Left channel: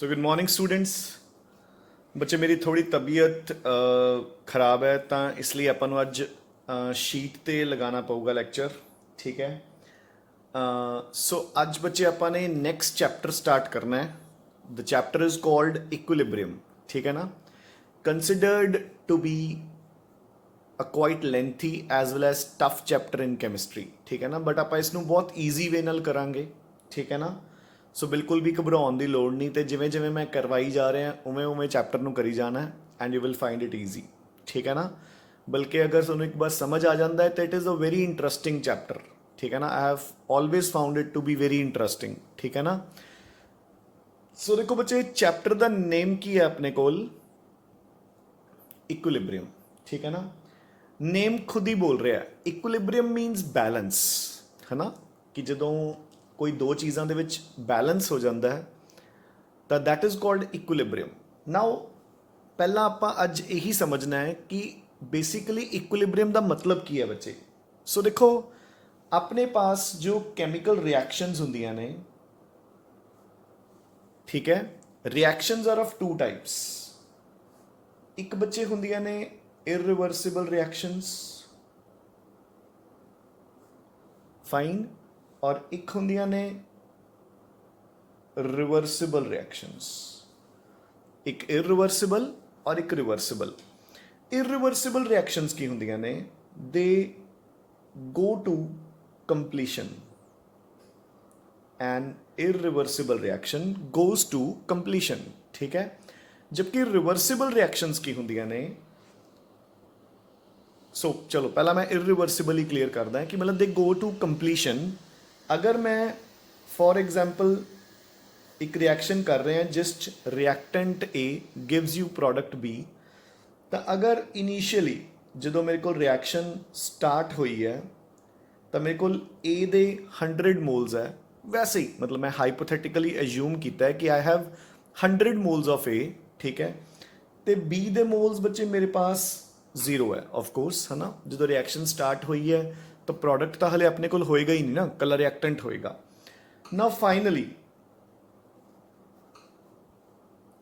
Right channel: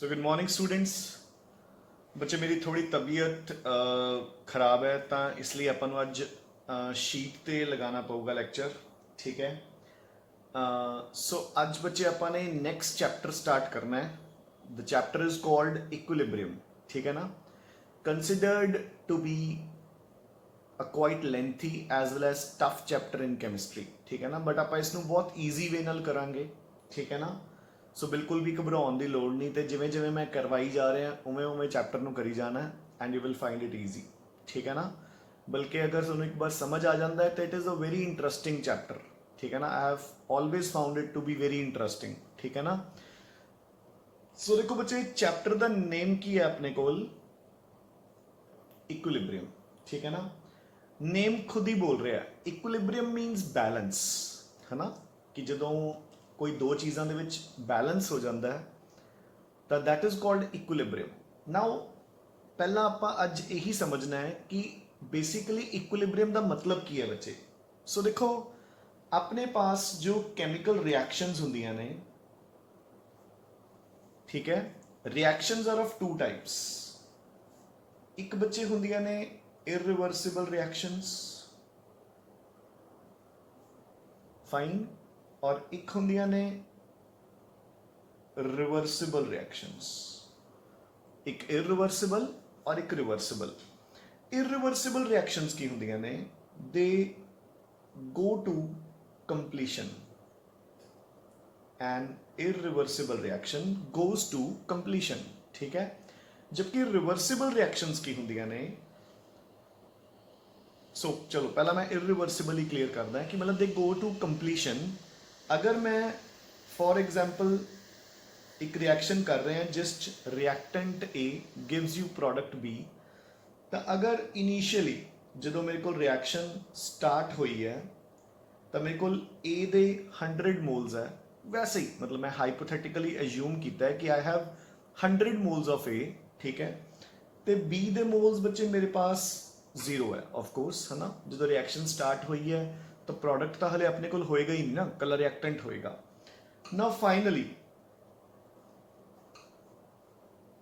So good morning students. ਬੱਚੇ ਮੇਰੀ ਥੋੜੀ ਤਬੀਅਤ ਖਰਾਬ ਹੈ ਤਾਂ ਇਸ ਲਈ ਆਪਾਂ ਨੂੰ ਅੱਜ ਸ਼ੀਟ ਤੇ ਲਗਾਉਣਾ ਪਊਗਾ ਲੈਕਚਰ। ਠੀਕ ਹੈ। ਸੋ ਅੱਜ ਬੱਚੇ ਆਪਾਂ ਨੇ ਨੈਕਸਟ ਚੈਪਟਰ ਸਟਾਰਟ ਕਰਨਾ ਹੈ। The chapter is called equilibrium. ਠੀਕ ਹੈ ਨਾ। Considered to be a quite lengthy as well as tough chapter in chemistry. ਠੀਕ ਹੈ ਨਾ। ਬਟ ਆਪਾਂ ਇਸ ਨੂੰ ਬਹੁਤ ਈਜ਼ੀ ਵੇ ਨਾਲ ਕਰਾਂਗੇ। ਠੀਕ ਹੈ ਨਾ। ਸੋ ਬਿਲਕੁਲ ਵੀ ਘਬਰਾਉਣ ਦੀ ਲੋੜ ਨਹੀਂ ਤੇ ਜਿਵੇਂ ਜਿਵੇਂ ਮੈਂ ਕਰਵਾਈ ਜਾ ਰਿਹਾ ਉਵੇਂ ਉਵੇਂ ਚੈਪਟਰ ਨੂੰ ਕਰੀ ਜਾਣਾ and you will find it easy. ਠੀਕ ਹੈ ਨਾ। ਬਲਕਿ ਅਗਰ ਤੁਹਾਨੂੰ ਇੱਕ ਵਾਰ ਸਮਝ ਆ ਜਾਂਦਾ ਹੈ ਤਾਂ it is a very interesting chapter. ਠੀਕ ਹੈ ਨਾ। I have always found it to be very interesting. ਠੀਕ ਹੈ ਨਾ। ਸੋ ਦੇਖੋ ਬੱਚੇ ਚੈਪਟਰ ਦਾ ਨੇਮ ਕੀ ਹੈ ਆਪਣੇ ਕੋਲ, ਇਕੁਇਲਿਬ੍ਰੀਅਮ। ਠੀਕ ਹੈ ਨਾ। ਨੇਮ ਖੁਦ ਹੀ ਬੋਲ ਰਿਹਾ ਇਕੁਇਲਿਬ੍ਰੀਅਮ ਮੀਨਸ ਬੈਲੈਂਸ, ਹੈ ਨਾ। ਕਿ ਜਦੋਂ ਕੋਈ ਦੋ ਚੀਜ਼ਾਂ ਦੇ ਵਿੱਚ ਬੈਲੈਂਸ ਹੋ ਜਾਂਦਾ ਹੈ ਤਾਂ ਦੈਟ ਇਜ਼ ਕਾਲਡ ਇਕੁਇਲਿਬ੍ਰੀਅਮ। ਨਾਓ ਪਹਿਲਾਂ ਆਪਾਂ ਅੱਜ ਇਹੀ ਸਮਝਣਾ ਹੈ ਕਿ ਬੇਸਿਕਲੀ ਇਕੁਇਲਿਬ੍ਰੀਅਮ ਦਾ ਮਤਲਬ ਕੀ ਹੈ ਬੱਚੇ। ਸੋ ਦੇਖੋ ਆਪਣੇ ਪਾਸ ਜੋ ਕੈਮੀਕਲ ਰਿਐਕਸ਼ਨਸ ਹੁੰਦੀਆਂ ਨੇ, ਠੀਕ ਹੈ, reactions are of two types. ਇੱਕ ਬੱਚੇ ਹੁੰਦੀਆਂ ਨੇ ਇਰਰਿਵਰਸਿਬਲ ਰਿਐਕਸ਼ਨਸ, ਫਾਈਨ, ਔਰ ਇੱਕ ਹੁੰਦੀਆਂ ਨੇ ਰਿਵਰਸਿਬਲ ਰਿਐਕਸ਼ਨਸ। ਇੱਕ ਇਰਰਿਵਰਸਿਬਲ ਔਰ ਇੱਕ ਰਿਵਰਸਿਬਲ। ਇਰਰਿਵਰਸਿਬਲ ਰਿਐਕਸ਼ਨਸ ਕੀ ਹੁੰਦੀਆਂ ਨੇ, they go to completion and irreversible reaction goes to completion। ठीक है। जबकि रिवर्सिबल रिएक्शंस की ਹੁੰਦੀਆਂ ਨੇ, सो चलो पहला मैं irreversible ही क्लियर करदा है कि मतलब दे गो टू कंप्लीशन। अगर मैं फॉर एग्जाम्पल एक रिएक्शन कर रहे हैं जिस reactant A gives you product B, तो अगर इनिशियली जो मेरे को रिएक्शन स्टार्ट हुई है तो मेरे को ए दे 100 मोल्स है, वैसे ही मतलब मैं हाइपोथेटिकली एज्यूम किया है कि आई हैव 100 मोल्स ऑफ ए। ठीक है। तो बी दे मोल्स बच्चे मेरे पास 0 है ऑफकोर्स, है ना। जो रिएक्शन स्टार्ट हुई है तो प्रोडक्ट तो हले अपने को होएगा ही नहीं ना, कलर रिएक्टेंट होएगा ना। फाइनली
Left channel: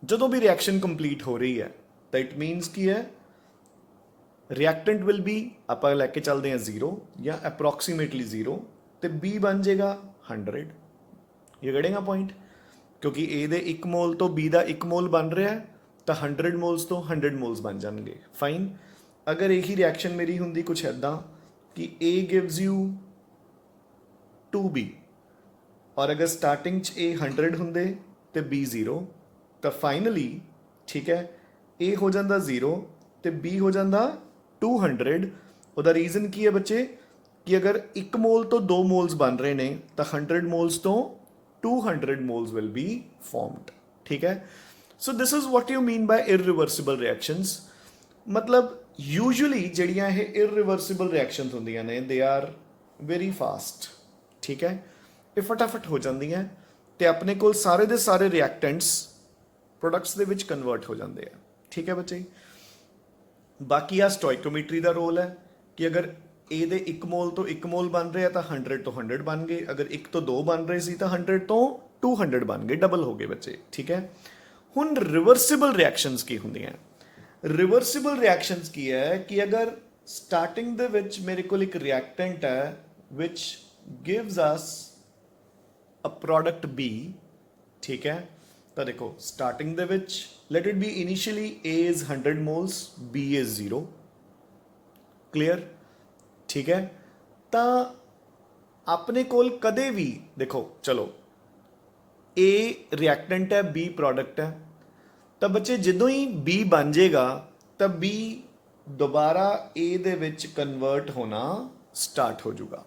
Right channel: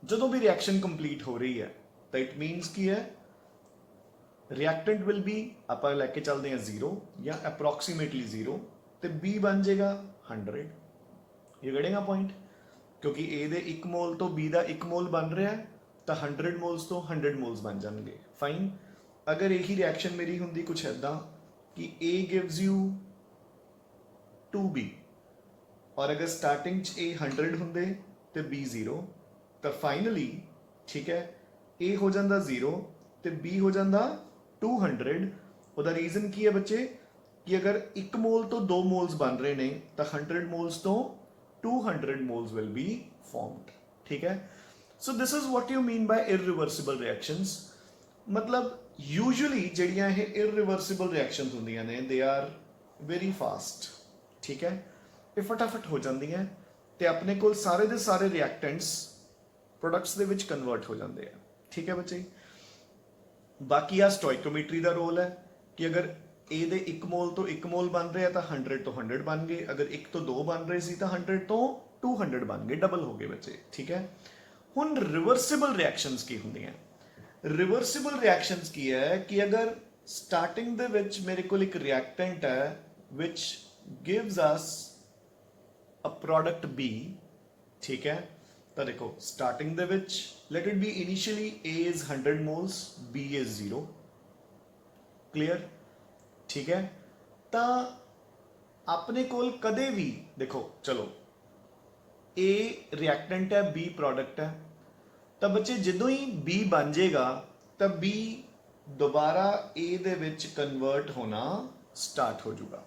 जो भी रिएक्शन कंप्लीट हो रही है तो इट मीनस की है रिएक्टेंट विल बी आप लैके चलते हैं 0 या अप्रॉक्सीमेटली 0, तो बी बन जाएगा 100। ये गड़ेगा पॉइंट, क्योंकि ए दे 1 मोल तो बी का 1 मोल बन रहा है तो 100 मोल्स तो 100 मोल्स बन जाएंगे। फाइन। अगर यही रिएक्शन मेरी होंगी कुछ ऐदा कि ए गिव्स यू 2b और अगर स्टार्टिंग ए 100 होंगे तो बी 0, तो फाइनली ठीक है ए हो जाता 0 तो बी हो जाता 200। ਉਹਦਾ ਰੀਜ਼ਨ ਕੀ ਹੈ ਬੱਚੇ कि अगर 1 मोल तो 2 मोल्स बन रहे हैं तो 100 मोल्स तो 200 मोल्स विल बी फॉर्म्ड। ठीक है। So this is what you mean by irreversible reactions. मतलब यूजुअली ਜਿਹੜੀਆਂ ਇਹ इररिवर्सिबल रिएक्शंस ਹੁੰਦੀਆਂ ਨੇ दे आर वेरी फास्ट। ठीक है। ਇਹ ਫਟਾਫਟ ਹੋ ਜਾਂਦੀਆਂ ਤੇ ਆਪਣੇ ਕੋਲ ਸਾਰੇ ਦੇ ਸਾਰੇ ਰਿਐਕਟੈਂਟਸ ਪ੍ਰੋਡਕਟਸ ਦੇ ਵਿੱਚ ਕਨਵਰਟ ਹੋ ਜਾਂਦੇ ਆ। ਠੀਕ ਹੈ ਬੱਚੇ। ਬਾਕੀ ਆ ਸਟੋਇਕੋਮੈਟਰੀ ਦਾ ਰੋਲ ਹੈ कि अगर ए दे 1 मोल तो 1 मोल बन रहे हैं तो 100 तो 100 बन गए, अगर 1 तो 2 बन रहे सी तो 100 तो 200 बन गए, डबल हो गए बच्चे। ठीक है। हुण रिवर्सिबल रिएक्शंस की होंदियां। रिवर्सिबल रिएक्शंस की है कि अगर स्टार्टिंग दे विच मेरे को एक रिएक्टेंट है which gives us a product B. ठीक है। तो देखो स्टार्टिंग दे विच let it be initially A is 100 moles, B is 0। Clear. ठीक है। तो अपने कोल कदे भी देखो चलो ए रिएक्टेंट है बी प्रोडक्ट है, तो बच्चे जो ही बी बन जाएगा तो बी दोबारा ए दे विच कन्वर्ट होना स्टार्ट हो जाएगा।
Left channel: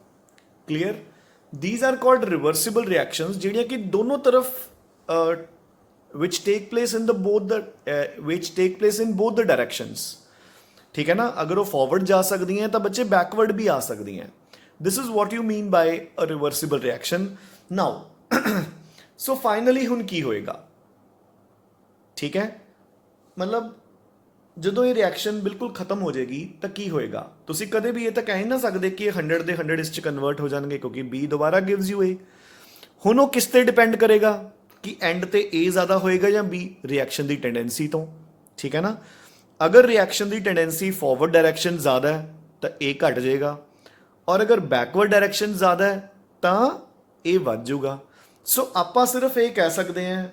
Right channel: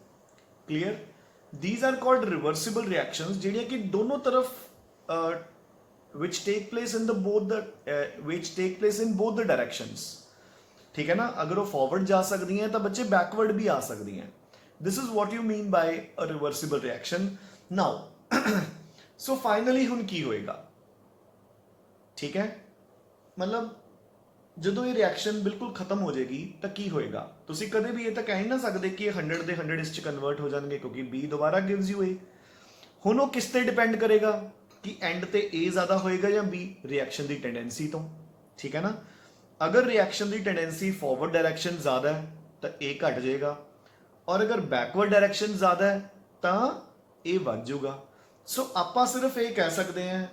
Clear. These are called reversible reactions ਜਿਹੜੀਆਂ कि दोनों तरफ which take place in both the directions। ठीक है ना। अगर वो फॉरवर्ड जा सकती हैं तो बच्चे बैकवर्ड भी आ सकती हैं। This is what you mean by a reversible reaction. Now so finally हुण की होएगा। ठीक है। मतलब जो ये रिएक्शन बिल्कुल खत्म हो जाएगी तो की होएगा, तुसी कदे भी ये तो कह ही ना सकते कि 100 दे 100 इस कन्वर्ट हो जाएंगे क्योंकि बी दोबारा गिव्स यू ए। हुण वो किस ते डिपेंड करेगा, कि एंड ते ए ज़्यादा होएगा या बी, रिएक्शन की टेंडेंसी तो, ठीक है ना। अगर रिएक्शन की टेंडेंसी फॉरवर्ड डायरैक्शन ज़्यादा है तो ए घट जाएगा, और अगर बैकवर्ड डायरैक्शन ज़्यादा है तो ए बढ़ जाऊगा। सो आप सिर्फ ये कह सकते हैं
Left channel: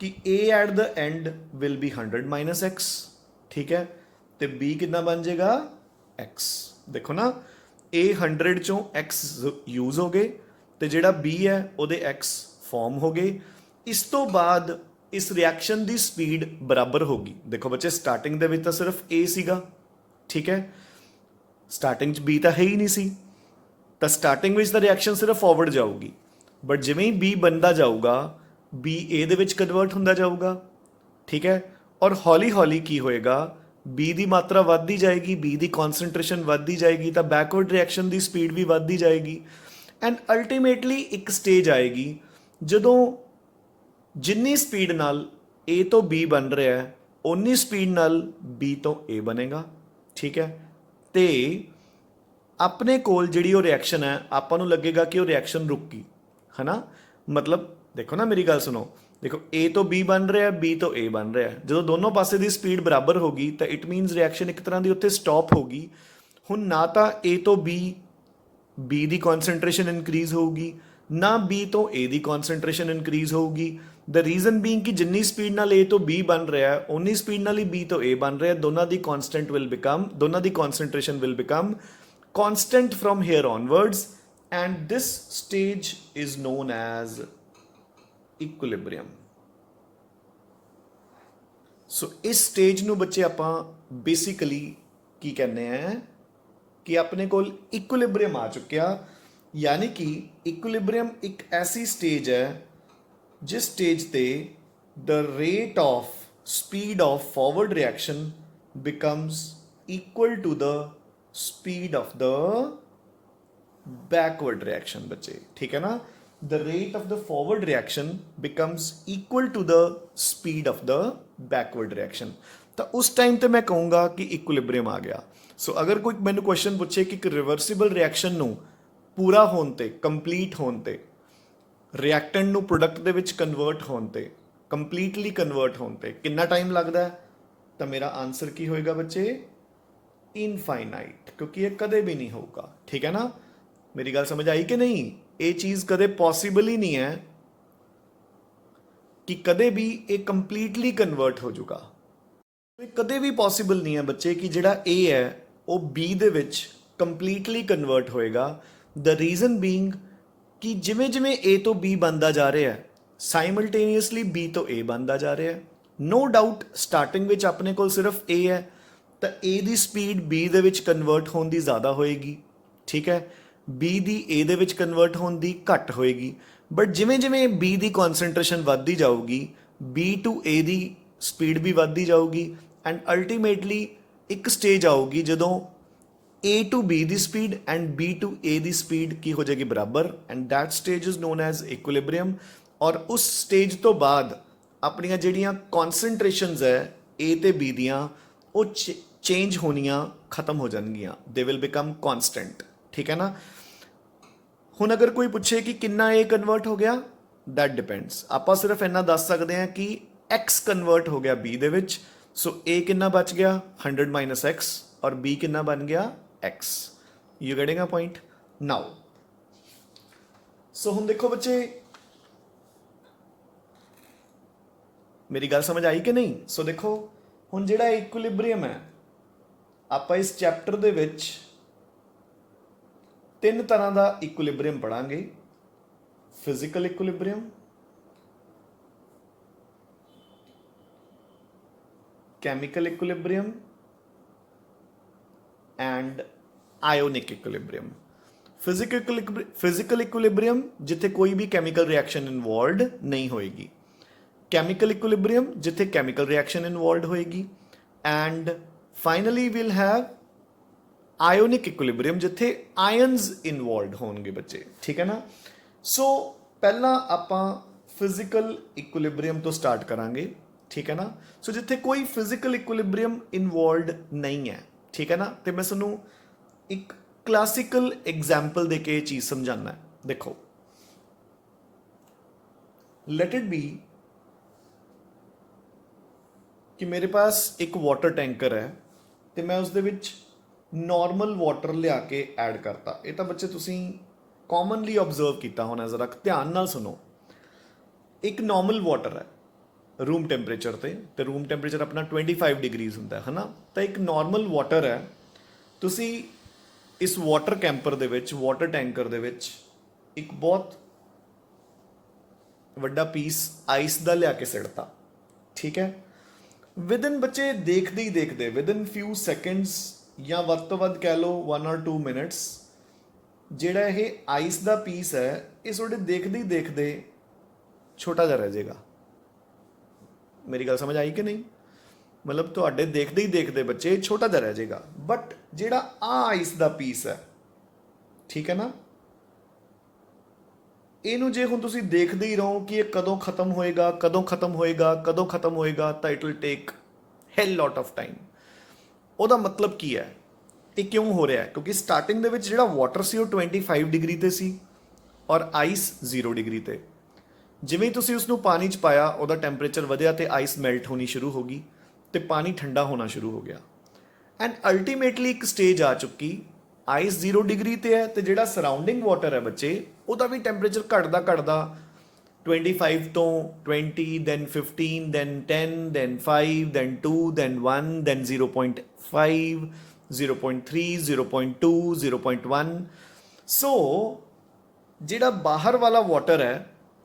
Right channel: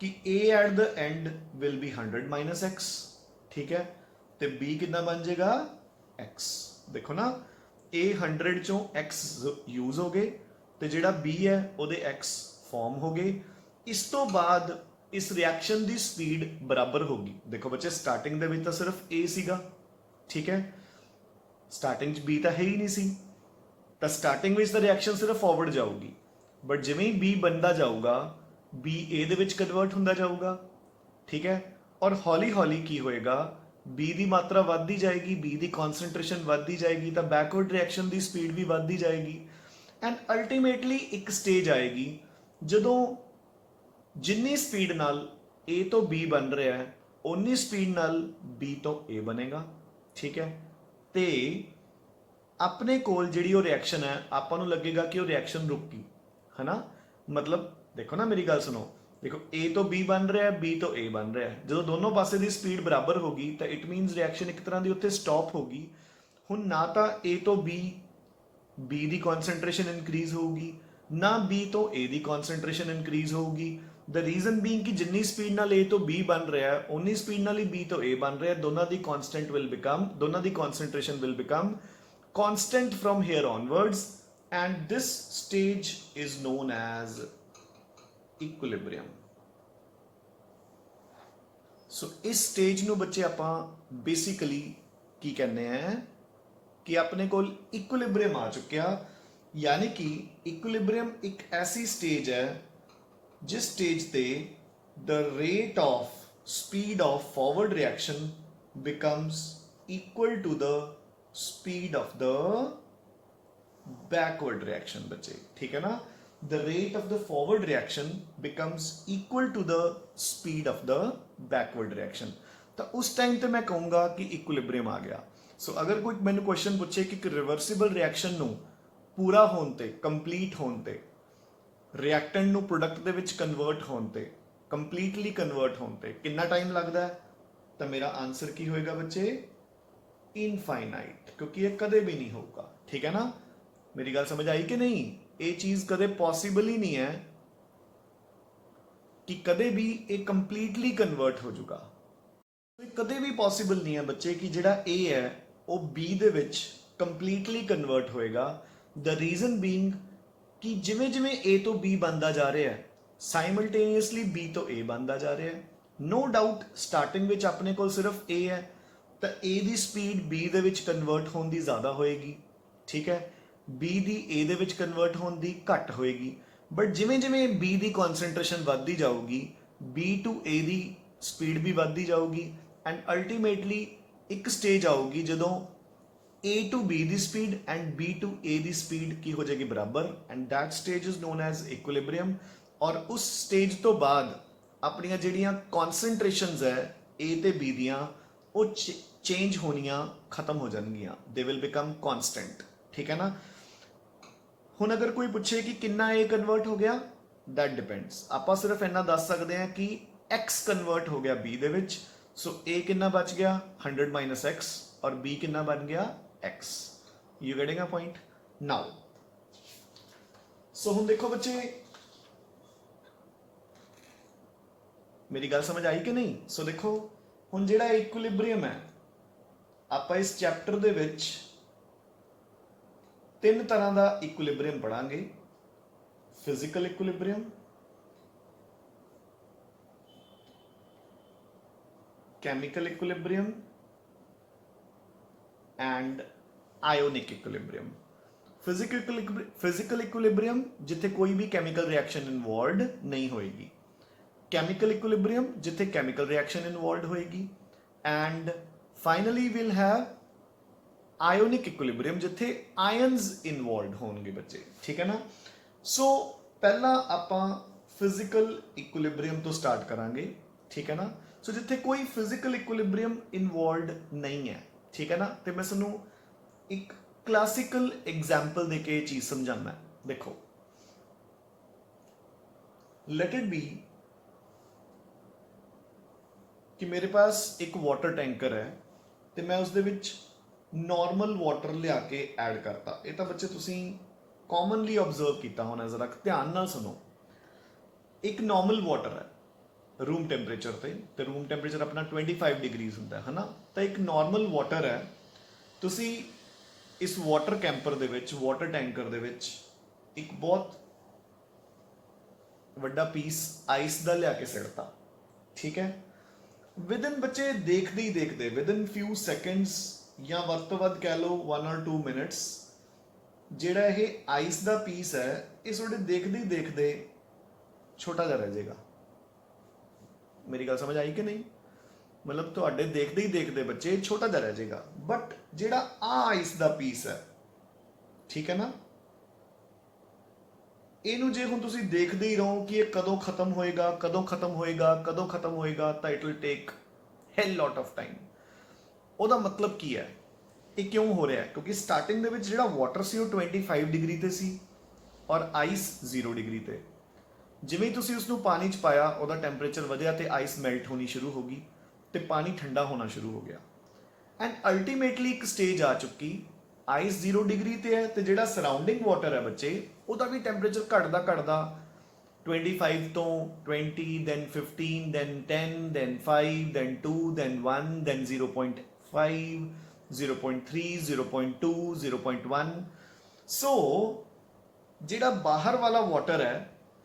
कि A at the end will be 100 minus X, ठीक है, तो बी कितना बन जाएगा एक्स। देखो ना, ए 100 चों एक्स यूज हो गए, तो जोड़ा बी है वो एक्स फॉर्म हो गए। इस तो बाद इस रिएक्शन की स्पीड बराबर होगी। देखो बच्चे, स्टार्टिंग दे विच तो सिर्फ ए सीगा, ठीक है, स्टार्टिंग बी तो है ही नहीं सी, तो स्टार्टिंग में रिएक्शन सिर्फ फॉरवर्ड जाऊगी, बट जिमें ही बी बनता जाऊगा बी ए दे विच कन्वर्ट होंदा जाऊगा, ठीक है, और हौली हौली की होएगा, बी की मात्रा बढ़ती जाएगी, बी की कॉन्सनट्रेशन बढ़ती जाएगी, तो बैकवर्ड रिएक्शन की स्पीड भी बढ़ती जाएगी, एंड अल्टीमेटली एक स्टेज आएगी जदों जिन्नी स्पीड नाल ए तो बी बन रहा है उन्नी स्पीड नाल बी तो ए बनेगा, ठीक है। तो अपने कोल जिहड़ी वो रिएक्शन है आपां नूं लगेगा कि वो रिएक्शन रुक गई, है ना। मतलब देखो ना, मेरी गल सुनो, देखो ए तो बी बन रहा है, बी तो ए बन रहा है, जो दोनों पासे की स्पीड बराबर होगी तो इट मीनस रिएक्शन एक तरह की उत्थे स्टॉप होगी। हुण ना तो ए तो बी की कॉन्सनट्रेशन इनक्रीज होगी, ना बी तो ए की कॉन्सनट्रेशन इनक्रीज होगी। द रीजन बीइंग कि जिन्नी स्पीड नाल ए तो बी बन रहा है उन्नी स्पीड नाल ही बी तो ए बन रहा है, दोनों की कॉन्स्टेंट विल बिकम, दोनों की concentration will become constant from here onwards, and this stage is known as equilibrium. So इस stage ਨੂੰ ਬੱਚੇ ਆਪਾਂ basically ਕੀ ਕਹਿੰਦੇ ਆ कि अपने को equilibrium आ चुकिया, यानी कि equilibrium एक ऐसी stage है जिस stage ते the rate of speed of forward reaction becomes equal to the speed of the backward reaction बच्चे, ठीक है ना। The rate of the forward reaction becomes equal to the speed of the backward reaction, तो उस time ते मैं कहूँगा कि इक्विलिब्रियम आ गया। सो अगर कोई मैंने क्वेश्चन पूछे कि रिवर्सिबल रिएक्शन नू पूरा होने ते, कंप्लीट होने ते, रिएक्टेंट नू प्रोडक्ट दे विच कन्वर्ट होने ते, कंप्लीटली कन्वर्ट होने ते कितना टाइम लगता है, तो मेरा आंसर की होएगा बच्चे इनफाइनाइट, क्योंकि ये कदे भी नहीं होगा, ठीक है ना। मेरी गल समझ आई कि नहीं, ये चीज कदे पॉसिबल ही नहीं है कि कदे भी ये कंप्लीटली कन्वर्ट हो जाऊगा। कदे भी पॉसिबल नहीं है बच्चे कि जिहड़ा ए है वो बी दे विच कंप्लीटली कन्वर्ट होएगा। द रीजन बीइंग कि जिमें जिमें ए तो बी बनता जा रहा है साइमल्टेनियसली बी तो ए बनता जा रहा है। नो डाउट स्टार्टिंग विच अपने को सिर्फ ए है तो ए की स्पीड बी दे विच कन्वर्ट होने की ज़्यादा होएगी, ठीक है, बी की ए दे विच कन्वर्ट होने की घट होएगी, बट जिमें जिमें बी की कॉन्सनट्रेशन बढ़ती जाऊगी बी टू ए की स्पीड भी बढ़ती जाऊगी, एंड अल्टीमेटली एक स्टेज आऊगी जदों ए टू बी की speed and B to A की स्पीड की हो जाएगी बराबर, and that stage is known as equilibrium. और उस स्टेज तो बाद अपनियां जिहड़ियां कॉन्सनट्रेशनस है ए ते बी दियां वो चेंज होनियां खत्म हो जाएंगियां, दे विल बिकम कॉन्स्टेंट, ठीक है ना। हुण अगर कोई पूछे कि कितना ए कन्वर्ट हो गया, दैट डिपेंड्स, आप सिर्फ इन्ना दस सकते हैं कि एक्स कन्वर्ट हो गया बी दे विच, सो ए कितना बच गया 100 माइनस एक्स और बी कितना बन गया X. You getting a point now. So हुण देखो बच्चे, मेरी गल समझ आई कि नहीं। सो देखो हुण जिहड़ा इक्विलिब्रियम है आप इस चैप्टर दे विच तीन तरह का इक्विलिब्रियम पढ़ांगे, physical equilibrium, chemical equilibrium and ionic equilibrium. Physical equilibrium जिथे कोई भी केमिकल रिएक्शन इन्वॉल्व नहीं होएगी, केमिकल इक्विलिब्रियम जिथे केमिकल रिएक्शन इन्वॉल्व होएगी, and finally will have ionic equilibrium जिथे आयन्स इन्वॉल्व होंगे बच्चे, ठीक है ना। सो पहला आपां फिजिकल इक्विलिब्रियम तो स्टार्ट करांगे, ठीक है ना। सो जिथे कोई फिजिकल इक्विलिब्रियम इन्वॉल्व नहीं है, ठीक है ना, तो मैं तुहानूं एक क्लासिकल एग्जाम्पल देके ये चीज़ समझाना है। देखो लेट इट बी कि मेरे पास एक वाटर टैंकर है ਤੇ ਮੈਂ ਉਸ ਦੇ ਵਿੱਚ ਨਾਰਮਲ ਵਾਟਰ ਲਿਆ ਕੇ ਐਡ ਕਰਤਾ। ਇਹ ਤਾਂ ਬੱਚੇ ਤੁਸੀਂ ਕਾਮਨਲੀ ਆਬਜ਼ਰਵ ਕੀਤਾ ਹੋਣਾ, ਜ਼ਰਾ ਧਿਆਨ ਨਾਲ ਸੁਣੋ। ਇੱਕ ਨਾਰਮਲ ਵਾਟਰ ਹੈ ਰੂਮ ਟੈਂਪਰੇਚਰ ਤੇ ਰੂਮ ਟੈਂਪਰੇਚਰ ਆਪਣਾ 25 ਡਿਗਰੀਜ਼ ਹੁੰਦਾ ਹੈ ਨਾ। ਤਾਂ ਇੱਕ ਨਾਰਮਲ ਵਾਟਰ ਹੈ, ਤੁਸੀਂ ਇਸ ਵਾਟਰ ਕੈਂਪਰ ਦੇ ਵਿੱਚ, ਵਾਟਰ ਟੈਂਕਰ ਦੇ ਵਿੱਚ ਇੱਕ ਬਹੁਤ ਵੱਡਾ ਪੀਸ ਆਈਸ ਦਾ ਲਿਆ ਕੇ ਸਿੱਟਤਾ, ਠੀਕ ਹੈ। ਵਿਦਨ ਬੱਚੇ ਦੇਖਦੇ ਹੀ ਦੇਖਦੇ, ਵਿਦਨ ਫਿਊ ਸੈਕਿੰਡਸ ਜਾਂ ਵੱਧ ਤੋਂ ਵੱਧ ਕਹਿ ਲਓ 1 or 2 ਮਿੰਟਸ, ਜਿਹੜਾ ਇਹ ਆਈਸ ਦਾ ਪੀਸ ਹੈ ਇਹ ਤੁਹਾਡੇ ਦੇਖਦੇ ਹੀ ਦੇਖਦੇ ਛੋਟਾ ਜਿਹਾ ਰਹਿ ਜਾਏਗਾ। ਮੇਰੀ ਗੱਲ ਸਮਝ ਆਈ ਕਿ ਨਹੀਂ? ਮਤਲਬ ਤੁਹਾਡੇ ਦੇਖਦੇ ਹੀ ਦੇਖਦੇ ਬੱਚੇ ਛੋਟਾ ਜਿਹਾ ਰਹਿ ਜਾਏਗਾ। ਬਟ ਜਿਹੜਾ ਆ ਆਈਸ ਦਾ ਪੀਸ ਹੈ, ਠੀਕ ਹੈ ਨਾ, ਇਹਨੂੰ ਜੇ ਹੁਣ ਤੁਸੀਂ ਦੇਖਦੇ ਹੀ ਰਹੋ ਕਿ ਇਹ ਕਦੋਂ ਖਤਮ ਹੋਏਗਾ, ਕਦੋਂ ਖਤਮ ਹੋਏਗਾ, ਕਦੋਂ ਖਤਮ ਹੋਏਗਾ, ਤਾਂ ਇਟ ਵਿਲ ਟੇਕ ਹੈਲ ਲੋਟ ਆਫ ਟਾਈਮ। ਉਹਦਾ ਮਤਲਬ ਕੀ ਹੈ? ਇਹ ਕਿਉਂ ਹੋ ਰਿਹਾ ਹੈ? ਕਿਉਂਕਿ ਸਟਾਰਟਿੰਗ ਦੇ ਵਿੱਚ ਜਿਹੜਾ ਵਾਟਰ ਸੀ ਉਹ 25 ਡਿਗਰੀ ਤੇ ਸੀ ਔਰ ਆਈਸ 0 ਡਿਗਰੀ ਤੇ। ਜਿਵੇਂ ਹੀ ਤੁਸੀਂ ਉਸਨੂੰ ਪਾਣੀ 'ਚ ਪਾਇਆ, ਉਹਦਾ ਟੈਂਪਰੇਚਰ ਵਧਿਆ ਤੇ ਆਈਸ ਮੈਲਟ ਹੋਣੀ ਸ਼ੁਰੂ ਹੋ ਗਈ ਤੇ ਪਾਣੀ ਠੰਡਾ ਹੋਣਾ ਸ਼ੁਰੂ ਹੋ ਗਿਆ। ਐਂਡ ਅਲਟੀਮੇਟਲੀ ਇੱਕ ਸਟੇਜ ਆ ਚੁੱਕੀ, ਆਈਸ 0 ਡਿਗਰੀ ਤੇ ਹੈ ਤੇ ਜਿਹੜਾ ਸਰਾਊਂਡਿੰਗ ਵਾਟਰ ਹੈ ਬੱਚੇ, ਉਹਦਾ ਵੀ ਟੈਂਪਰੇਚਰ ਘਟਦਾ 25 ਤੋਂ 20, then 15, then 10, then 5, then 2, then 1, then 0.5, 0.3, 0.2, 0.1। ਸੋ ਜਿਹੜਾ ਬਾਹਰ ਵਾਲਾ ਵਾਟਰ ਹੈ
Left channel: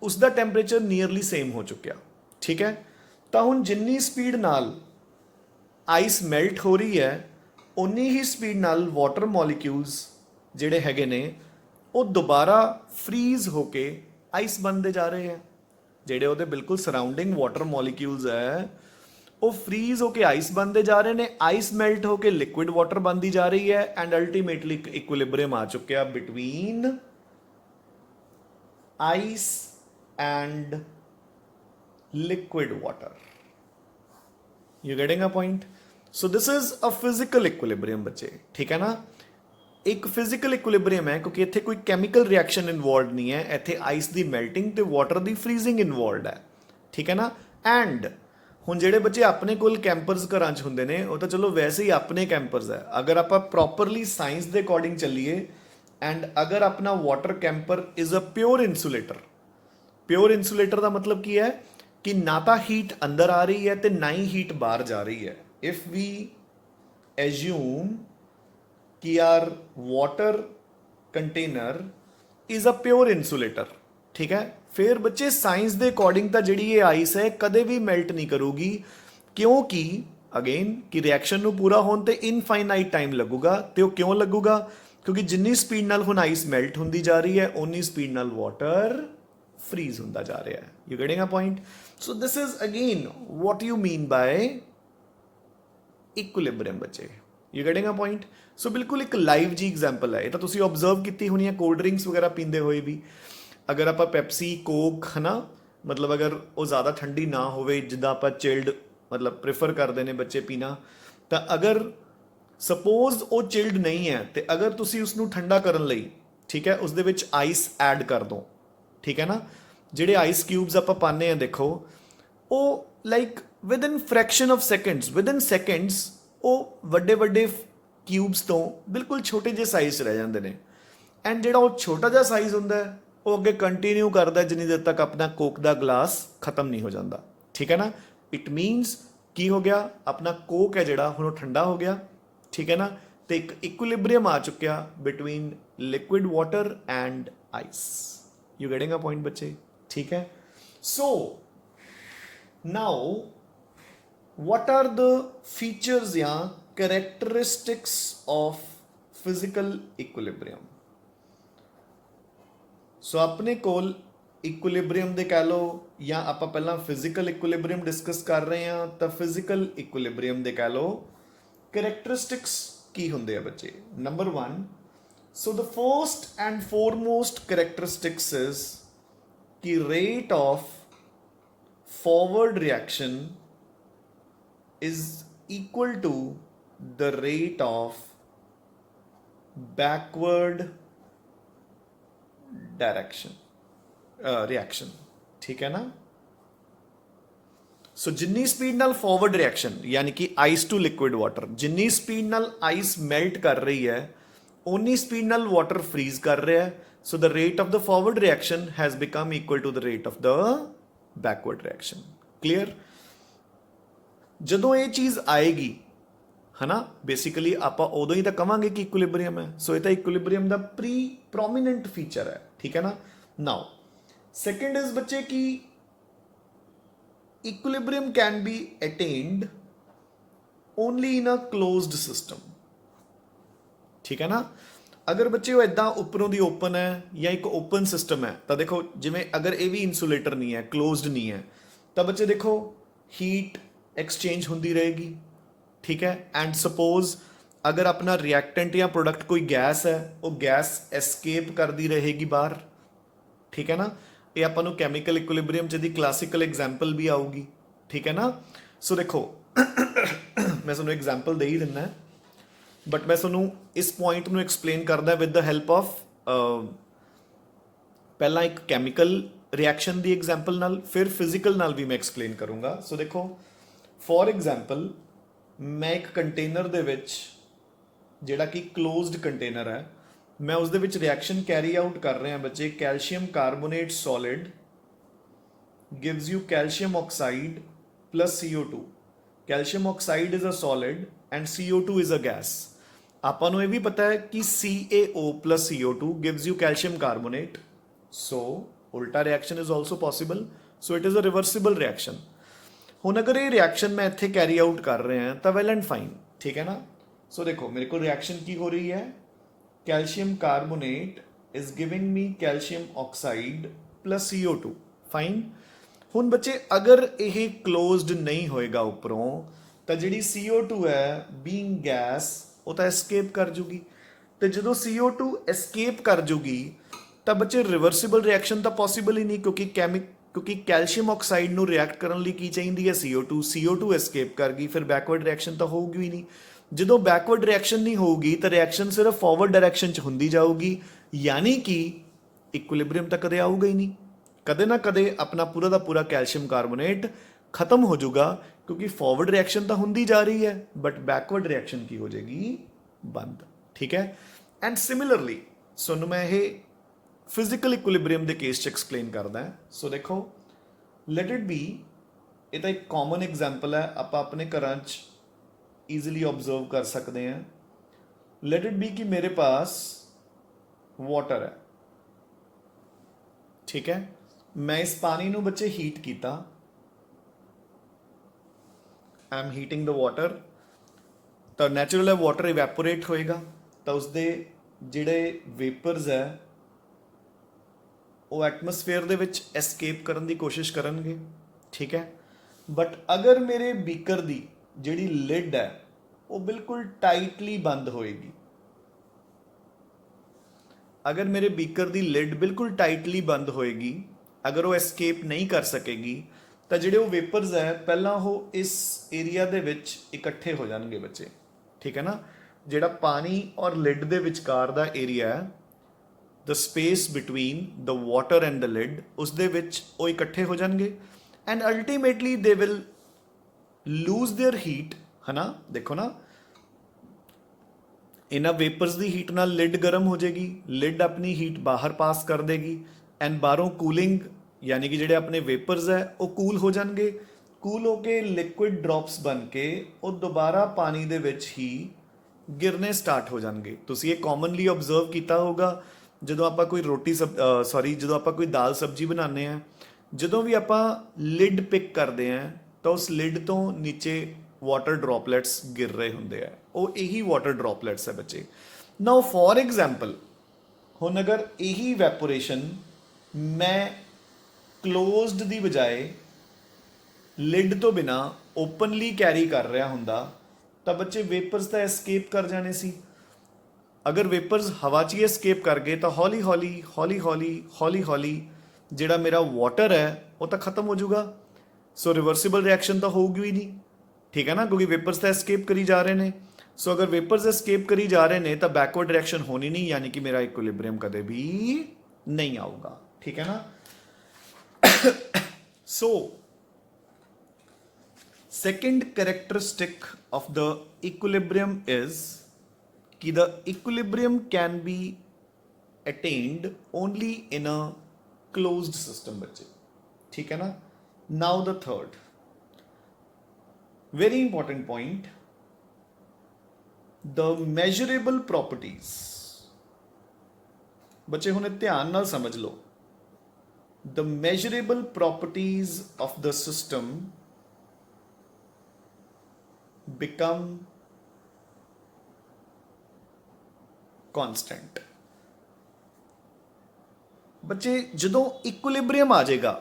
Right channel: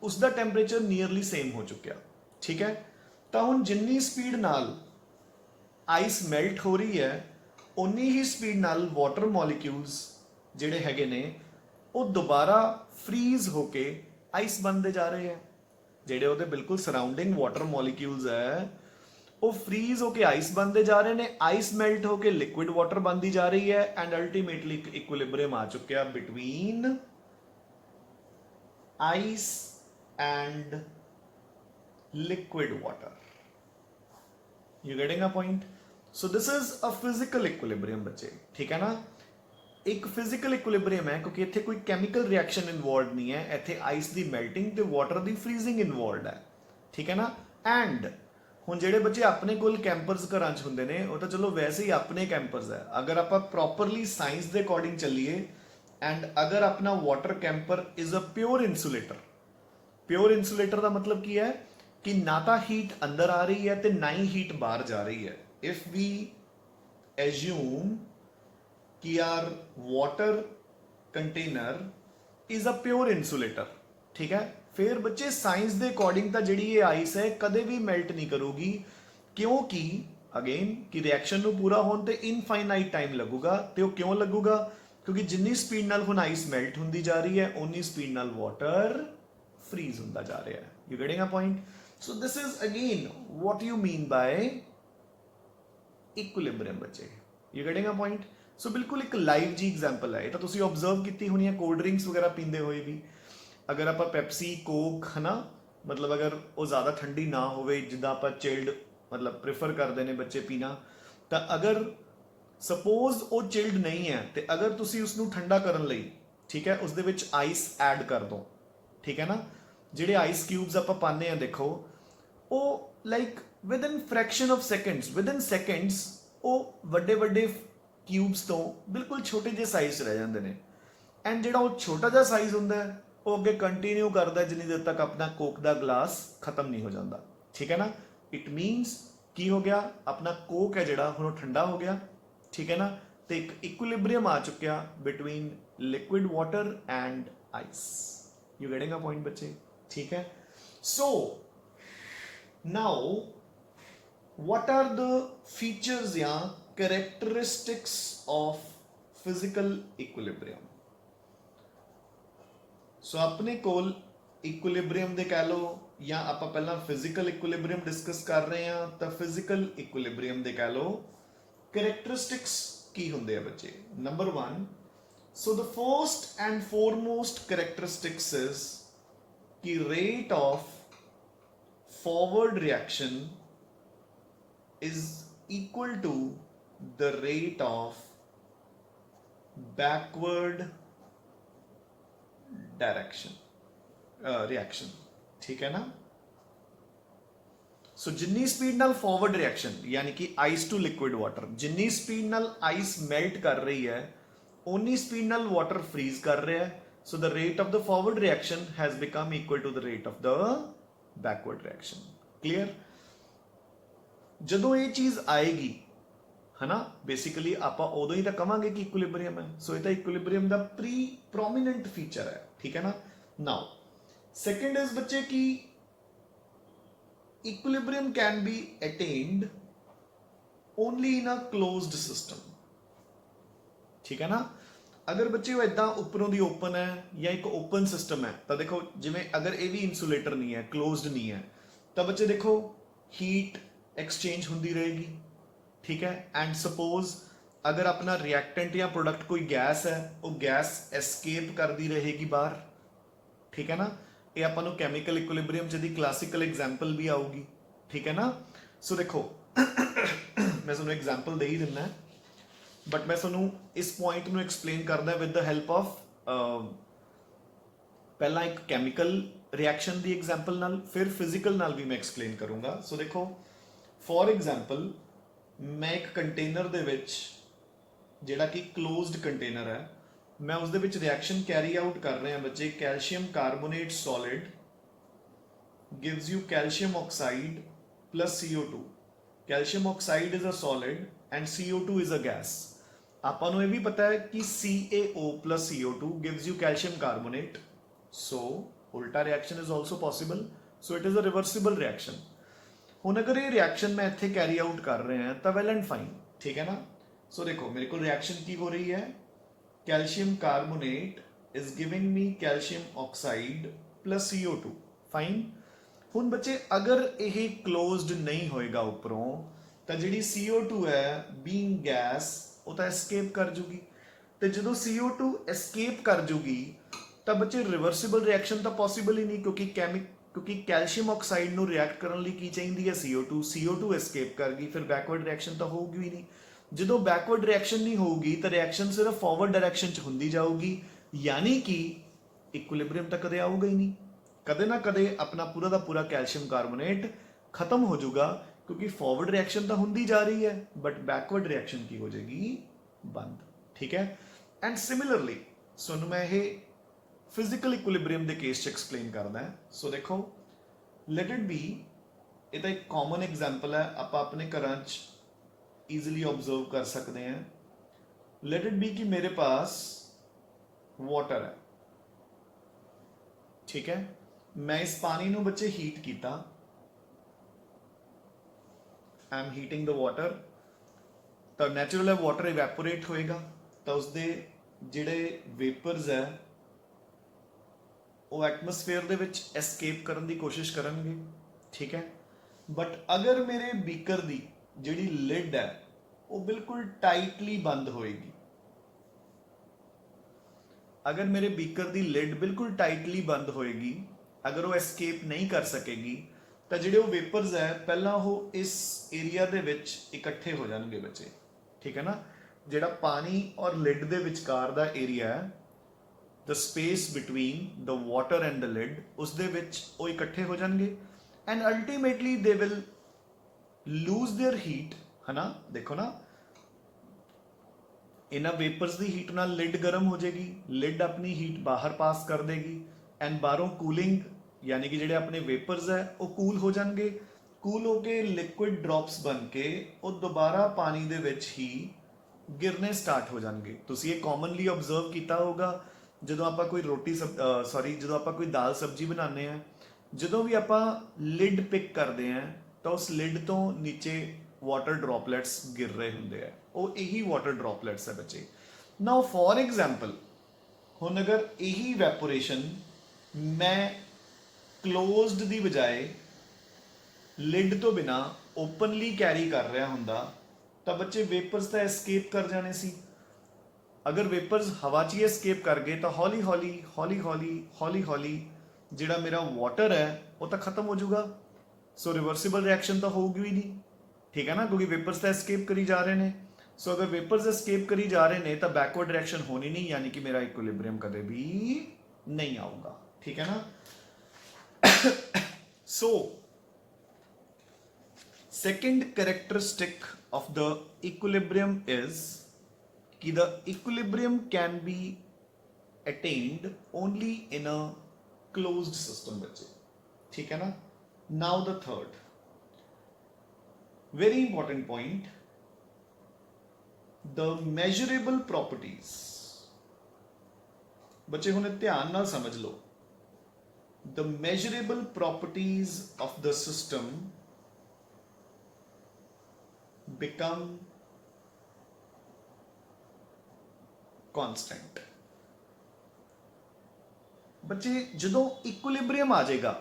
ਉਸ ਦਾ ਟੈਂਪਰੇਚਰ ਨੀਅਰਲੀ ਸੇਮ ਹੋ ਚੁੱਕਿਆ, ਠੀਕ ਹੈ। ਤਾਂ ਹੁਣ ਜਿੰਨੀ ਸਪੀਡ ਨਾਲ ਆਈਸ ਮੈਲਟ ਹੋ ਰਹੀ ਹੈ, ਉਨੀ ਹੀ ਸਪੀਡ ਨਾਲ ਵਾਟਰ ਮੋਲੀਕਿਊਲਸ ਜਿਹੜੇ ਹੈਗੇ ਨੇ ਉਹ ਦੁਬਾਰਾ ਫਰੀਜ਼ ਹੋ ਕੇ ਆਈਸ ਬਣਦੇ ਜਾ ਰਹੇ ਹੈ। ਜਿਹੜੇ ਉਹਦੇ ਬਿਲਕੁਲ ਸਰਾਊਂਡਿੰਗ ਵਾਟਰ ਮੋਲੀਕਿਊਲਸ ਹੈ ਉਹ ਫਰੀਜ਼ ਹੋ ਕੇ ਆਈਸ ਬਣਦੇ ਜਾ ਰਹੇ ਨੇ, ਆਈਸ ਮੈਲਟ ਹੋ ਕੇ ਲਿਕੁਇਡ ਵਾਟਰ ਬਣਦੀ ਜਾ ਰਹੀ ਹੈ ਐਂਡ ਅਲਟੀਮੇਟਲੀ ਇੱਕ ਇਕੁਇਲਿਬਰੀਅਮ ਆ ਚੁੱਕਿਆ between ice and liquid water. You getting a point? So this is a physical equilibrium ਬੱਚੇ, ਠੀਕ ਹੈ ਨਾ। ਇੱਕ ਫਿਜ਼ੀਕਲ ਇਕੁਇਲਿਬਰੀਅਮ ਹੈ ਕਿਉਂਕਿ ਇੱਥੇ ਕੋਈ ਕੈਮੀਕਲ ਰਿਐਕਸ਼ਨ ਇਨਵੋਲਵਡ ਨਹੀਂ ਹੈ, ਇੱਥੇ ਆਈਸ ਦੀ ਮੈਲਟਿੰਗ ਤੇ ਵਾਟਰ ਦੀ ਫਰੀਜ਼ਿੰਗ ਇਨਵੋਲਵਡ ਹੈ, ਠੀਕ ਹੈ ਨਾ। ਐਂਡ ਹੁਣ ਜਿਹੜੇ ਬੱਚੇ ਆਪਣੇ ਕੋਲ ਕੈਂਪਰਸ ਘਰਾਂ 'ਚ ਹੁੰਦੇ ਨੇ ਉਹ ਤਾਂ ਚਲੋ ਵੈਸੇ ਹੀ ਆਪਣੇ ਕੈਂਪਰਸ ਹੈ। ਅਗਰ ਆਪਾਂ ਪ੍ਰੋਪਰਲੀ ਸਾਇੰਸ ਦੇ ਅਕੋਰਡਿੰਗ ਚੱਲੀਏ ਐਂਡ ਅਗਰ ਆਪਣਾ water camper is a pure insulator, pure insulator ਦਾ ਮਤਲਬ ਕੀ ਹੈ ਕਿ ਨਾ ਤਾਂ ਹੀਟ ਅੰਦਰ ਆ ਰਹੀ ਹੈ ਤੇ ਨਾ ਹੀ ਹੀਟ ਬਾਹਰ ਜਾ ਰਹੀ ਹੈ। ਇਫ ਵੀ ਐਜ਼ਿਊਮ ਕਿ our water container is a pure insulator, ਠੀਕ ਹੈ, ਫਿਰ ਬੱਚੇ ਸਾਇੰਸ ਦੇ ਅਕੋਰਡਿੰਗ ਤਾਂ ਜਿਹੜੀ ਇਹ ਆਈਸ ਹੈ ਕਦੇ ਵੀ ਮੈਲਟ ਨਹੀਂ ਕਰੂਗੀ, ਕਿਉਂਕਿ ਅਗੇਨ ਕਿ ਰਿਐਕਸ਼ਨ ਨੂੰ ਪੂਰਾ ਹੋਣ ਤੇ ਇਨਫਾਈਨਾਈਟ ਟਾਈਮ ਲੱਗੂਗਾ। ਤੇ ਉਹ ਕਿਉਂ ਲੱਗੂਗਾ? ਕਿਉਂਕਿ ਜਿੰਨੀ ਸਪੀਡ ਨਾਲ ਹੁਣ ਆਈਸ ਮੈਲਟ ਹੁੰਦੀ ਜਾ ਰਹੀ ਹੈ ਉਨੀ ਸਪੀਡ ਨਾਲ ਵਾਟਰ freeze ਹੁੰਦਾ ਜਾ ਰਿਹਾ ਹੈ। You getting a point? So this is again what you mean by equilibrium ਬੱਚੇ। You getting a point? So ਬਿਲਕੁਲ ਇੱਕ ਲਾਈਵ ਜੀ ਐਗਜ਼ਾਮਪਲ ਹੈ। ਇਹ ਤਾਂ ਤੁਸੀਂ ਆਬਜ਼ਰਵ ਕੀਤੀ ਹੋਣੀ ਹੈ ਕੋਲਡ ਡਰਿੰਕਸ ਵਗੈਰਾ ਪੀਂਦੇ ਹੋਏ ਵੀ। ਅਗਰ ਆਪਾਂ ਪੈਪਸੀ, ਕੋਕ, ਹਨਾ, ਮਤਲਬ ਅਗਰ ਉਹ ਜ਼ਿਆਦਾ ਠੰਡੀ ਨਾ ਹੋਵੇ, ਜਿੱਦਾਂ ਆਪਾਂ ਚਿਲਡ ਮਤਲਬ ਪ੍ਰੇਫਰ ਕਰਦੇ ਨੇ ਬੱਚੇ ਪੀਣਾ, ਤਾਂ ਅਗਰ ਸਪੋਜ਼ ਉਹ ਚਿਲਡ ਨਹੀਂ ਹੈ ਤੇ ਅਗਰ ਤੁਸੀਂ ਉਸਨੂੰ ਠੰਡਾ ਕਰਨ ਲਈ, ਠੀਕ ਹੈ, ਉਸ ਦੇ ਵਿੱਚ ਆਈਸ ਐਡ ਕਰ ਦੋ, ਠੀਕ ਹੈ ਨਾ। ਜਿਹੜੇ ਆਈਸ ਕਿਊਬਸ ਆਪਾਂ ਪਾਉਂਦੇ ਆ ਦੇਖੋ, ਉਹ like within fraction of seconds, within seconds ਉਹ ਵੱਡੇ ਵੱਡੇ ਕਿਊਬਸ ਤੋਂ ਬਿਲਕੁਲ ਛੋਟੇ ਜਿਹੇ ਸਾਈਜ਼ 'ਚ ਰਹਿ ਜਾਂਦੇ ਨੇ। ਐਂਡ ਜਿਹੜਾ ਉਹ ਛੋਟਾ ਜਿਹਾ ਸਾਈਜ਼ ਹੁੰਦਾ ਉਹ ਅੱਗੇ ਕੰਟੀਨਿਊ ਕਰਦਾ ਜਿੰਨੀ ਦੇਰ ਤੱਕ ਆਪਣਾ ਕੋਕ ਦਾ ਗਲਾਸ ਖਤਮ ਨਹੀਂ ਹੋ ਜਾਂਦਾ, ਠੀਕ ਹੈ ਨਾ। ਇਟ ਮੀਨਸ ਕੀ ਹੋ ਗਿਆ, ਆਪਣਾ ਕੋਕ ਹੈ ਜਿਹੜਾ ਹੁਣ ਉਹ ਠੰਡਾ ਹੋ ਗਿਆ, ਠੀਕ ਹੈ ਨਾ, ਤੇ ਇੱਕ ਇਕੁਇਲਿਬਰੀਅਮ ਆ ਚੁੱਕਿਆ between liquid water and ice. You getting a point ਬੱਚੇ, ਠੀਕ ਹੈ। So now what are the features ਜਾਂ characteristics of physical equilibrium? So ਆਪਣੇ ਕੋਲ ਇਕੁਇਲਿਬਰੀਅਮ ਦੇ ਕਹਿ ਲਓ ਜਾਂ ਆਪਾਂ ਪਹਿਲਾਂ ਫਿਜ਼ੀਕਲ ਇਕੁਇਲਿਬਰੀਅਮ ਡਿਸਕਸ ਕਰ ਰਹੇ ਹਾਂ, ਤਾਂ ਫਿਜ਼ੀਕਲ ਇਕੁਇਲਿਬਰੀਅਮ ਦੇ ਕਹਿ ਲਓ ਕਰੈਕਟਰਿਸਟਿਕਸ ਕੀ ਹੁੰਦੇ ਆ ਬੱਚੇ। Number 1, so the first and foremost characteristics is the rate of forward reaction is equal to the rate of backward reaction. ठीक है ना। सो जिन्नी स्पीड नाल फॉरवर्ड रिएक्शन यानी कि आइस टू लिक्विड वाटर, जिन्नी स्पीड नाल आइस मेल्ट कर रही है उन्नी स्पीड नाल वाटर फ्रीज कर रहा है। So the rate of the forward reaction has become equal to the rate of the backward reaction. Clear. ਜਦੋਂ ਇਹ ਚੀਜ਼ ਆਏਗੀ है ना, बेसिकली ਆਪਾਂ ਉਦੋਂ ਹੀ ਤਾਂ ਕਵਾਂਗੇ ਕਿ ਇਕੁਇਲਿਬਰੀਅਮ ਹੈ। ਸੋ ਇਹ ਤਾਂ ਇਕੁਇਲਿਬਰੀਅਮ ਦਾ ਪ੍ਰੋਮਿਨੈਂਟ ਫੀਚਰ ਹੈ, ਠੀਕ ਹੈ ਨਾ। ਨਾਓ ਸੈਕੰਡ ਇਜ਼ ਬੱਚੇ ਕਿ equilibrium can be attained only in a closed system, ठीक है ना। अगर बच्चे वो इदा उपरों दी ओपन है या एक ओपन सिस्टम है तो देखो जिमें अगर ये भी इंसुलेटर नहीं है, क्लोज्ड नहीं है, तो बच्चे देखो हीट एक्सचेंज होती रहेगी, ठीक है। एंड सपोज अगर अपना रिएक्टेंट या प्रोडक्ट कोई गैस है वो गैस एस्केप करती रहेगी बाहर, ठीक है ना। ये अपन कैमिकल इक्विलिब्रियम दी क्लासिकल एग्जाम्पल भी आऊगी, ठीक है ना। सो देखो मैं तुहानूं एग्जाम्पल दे ही दिना है, बट मैं तुहानूं इस पॉइंट नूं एक्सप्लेन करदा विद द हेल्प ऑफ पहला एक कैमिकल रिएक्शन दी एग्जाम्पल नाल, फिर फिजिकल नाल भी मैं एक्सप्लेन करूँगा। सो देखो फॉर एग्जाम्पल मैं एक कंटेनर दे विच जिहड़ा कि क्लोज्ड कंटेनर है, मैं उस दे विच रिएक्शन कैरी आउट कर रहे हैं बच्चे। Calcium carbonate solid gives you calcium oxide plus CO2। Calcium oxide is a solid and CO2 is a gas. आपां नूं ये भी पता है कि CaO plus CO2 gives you calcium carbonate, so उल्टा reaction is also possible. So it is a reversible reaction. हुण अगर ये रिएक्शन मैं इत्थे कैरी आउट कर रहे हैं तो वेल एंड फाइन, ठीक है ना। सो देखो मेरे को रिएक्शन की हो रही है, calcium carbonate is giving me calcium oxide plus CO2, fine. हुण बच्चे अगर यह क्लोज्ड नहीं होएगा उपरों तो जी CO2 है बीइंग गैस वो तो एस्केप कर जूगी, तो जो CO2 एस्केप कर जूगी तो बच्चे रिवर्सिबल रिएक्शन तो पॉसिबल ही नहीं, क्योंकि कैल्शियम ऑक्साइड नूं रिएक्ट करने लई की चाहिए है CO2 एस्केप कर गई, फिर बैकवर्ड रिएक्शन तो होगी ही नहीं। जो बैकवर्ड रिएक्शन नहीं होगी तो रिएक्शन सिर्फ फॉरवर्ड डायरैक्शन च होंदी जाऊगी, यानी कि इक्विलिब्रियम तो कदे आऊगा ही नहीं। कदे ना कदे अपना पूरा का पूरा कैल्शियम कार्बोनेट खत्म हो जाऊगा, क्योंकि फॉरवर्ड रिएक्शन तो होंदी जा रही है बट बैकवर्ड रिएक्शन की हो जाएगी बंद, ठीक है। एंड सिमिलरली सो मैं ये फिजिकल इक्विलिब्रियम के केस च एक्सप्लेन करदा है। सो देखो लेट इट बी, ये तो एक कॉमन एग्जाम्पल है, आप अपने घर ईजिली ऑब्जर्व कर सकते हैं। लेट इट बी कि मेरे पास वाटर है, ठीक है। मैं इस पानी नूं बच्चे हीट किया, I am heating the water, तो नैचुरल है वाटर इवैपोरेट होएगा, तो उसके जिहड़े वेपर्स है वो एटमोसफेयर दे विच एस्केप करने की कोशिश करनगे, ठीक है। बट अगर मेरे बीकर दी जिहड़ी लिड है वो बिल्कुल टाइटली बंद होएगी, अगर मेरे बीकर दी लिड बिल्कुल टाइटली बंद होएगी, अगर वो एस्केप नहीं कर सकेगी तो जिहड़े वो वेपर्स है पहला वो इस एरिया दे विच इकट्ठे हो जाएंगे बच्चे, ठीक है ना। जिहड़ा पानी और लिड दे विचकार दा एरिया है, the space between the water and the lid, उस दे विच वो इकट्ठे हो जाएंगे and ultimately they will lose their heat, है ना। देखो ना इन्हां वेपर्स की हीट नाल लिड गर्म हो जाएगी, लिड अपनी हीट बाहर पास कर देगी एंड बाहरों कूलिंग यानी कि जिहड़े अपने वेपर्स है वो कूल हो जाएंगे, कूल होके लिक्विड ड्रॉप्स बन के वो दोबारा पानी दे विच ही गिरने स्टार्ट हो जाएंगे। तुसीं ये कॉमनली ऑब्जर्व किया होगा जो आप कोई रोटी जो आप कोई दाल सब्जी बनाने हैं, जो भी आप लिड पिक करते हैं तो उस लिड तो नीचे वाटर ड्रॉपलेट्स गिर रहे होंगे हैं, वो यही वाटर ड्रॉपलेट्स है बच्चे। नाउ फॉर एग्जाम्पल हुण अगर यही इवैपोरेशन मैं क्लोज्ड दी बजाय लिड तो बिना ओपनली कैरी कर रहा हुंदा तो बच्चे वेपर्स तो एस्केप कर जाने सी। अगर वेपर्स हवा च ही एस्केप कर गए तो हौली हौली हौली हौली हौली हौली जिहड़ा मेरा वाटर है वो तो खत्म हो जाऊगा। सो रिवर्सिबल रिएक्शन तो होगी ही नहीं, ठीक है ना, क्योंकि वेपर्स तो एस्केप करी जा रहे हैं। सो अगर वेपर्स एस्केप करी जा रहे हैं तो बैकवर्ड रिएक्शन होनी नहीं, यानी कि मेरा इक्विलिब्रियम कदे भी नहीं आऊगा, ठीक है ना। So second characteristic of the equilibrium is कि the equilibrium can be attained only in a closed system बच्चे, ठीक है ना. Now the third very important point, the measurable properties. बच्चे हुणे ध्यान नाल समझ लो, the measurable properties of the system become constant. ਬੱਚੇ ਜਦੋਂ ਇਕੁਇਲਿਬਰੀਅਮ ਆ ਜਾਏਗਾ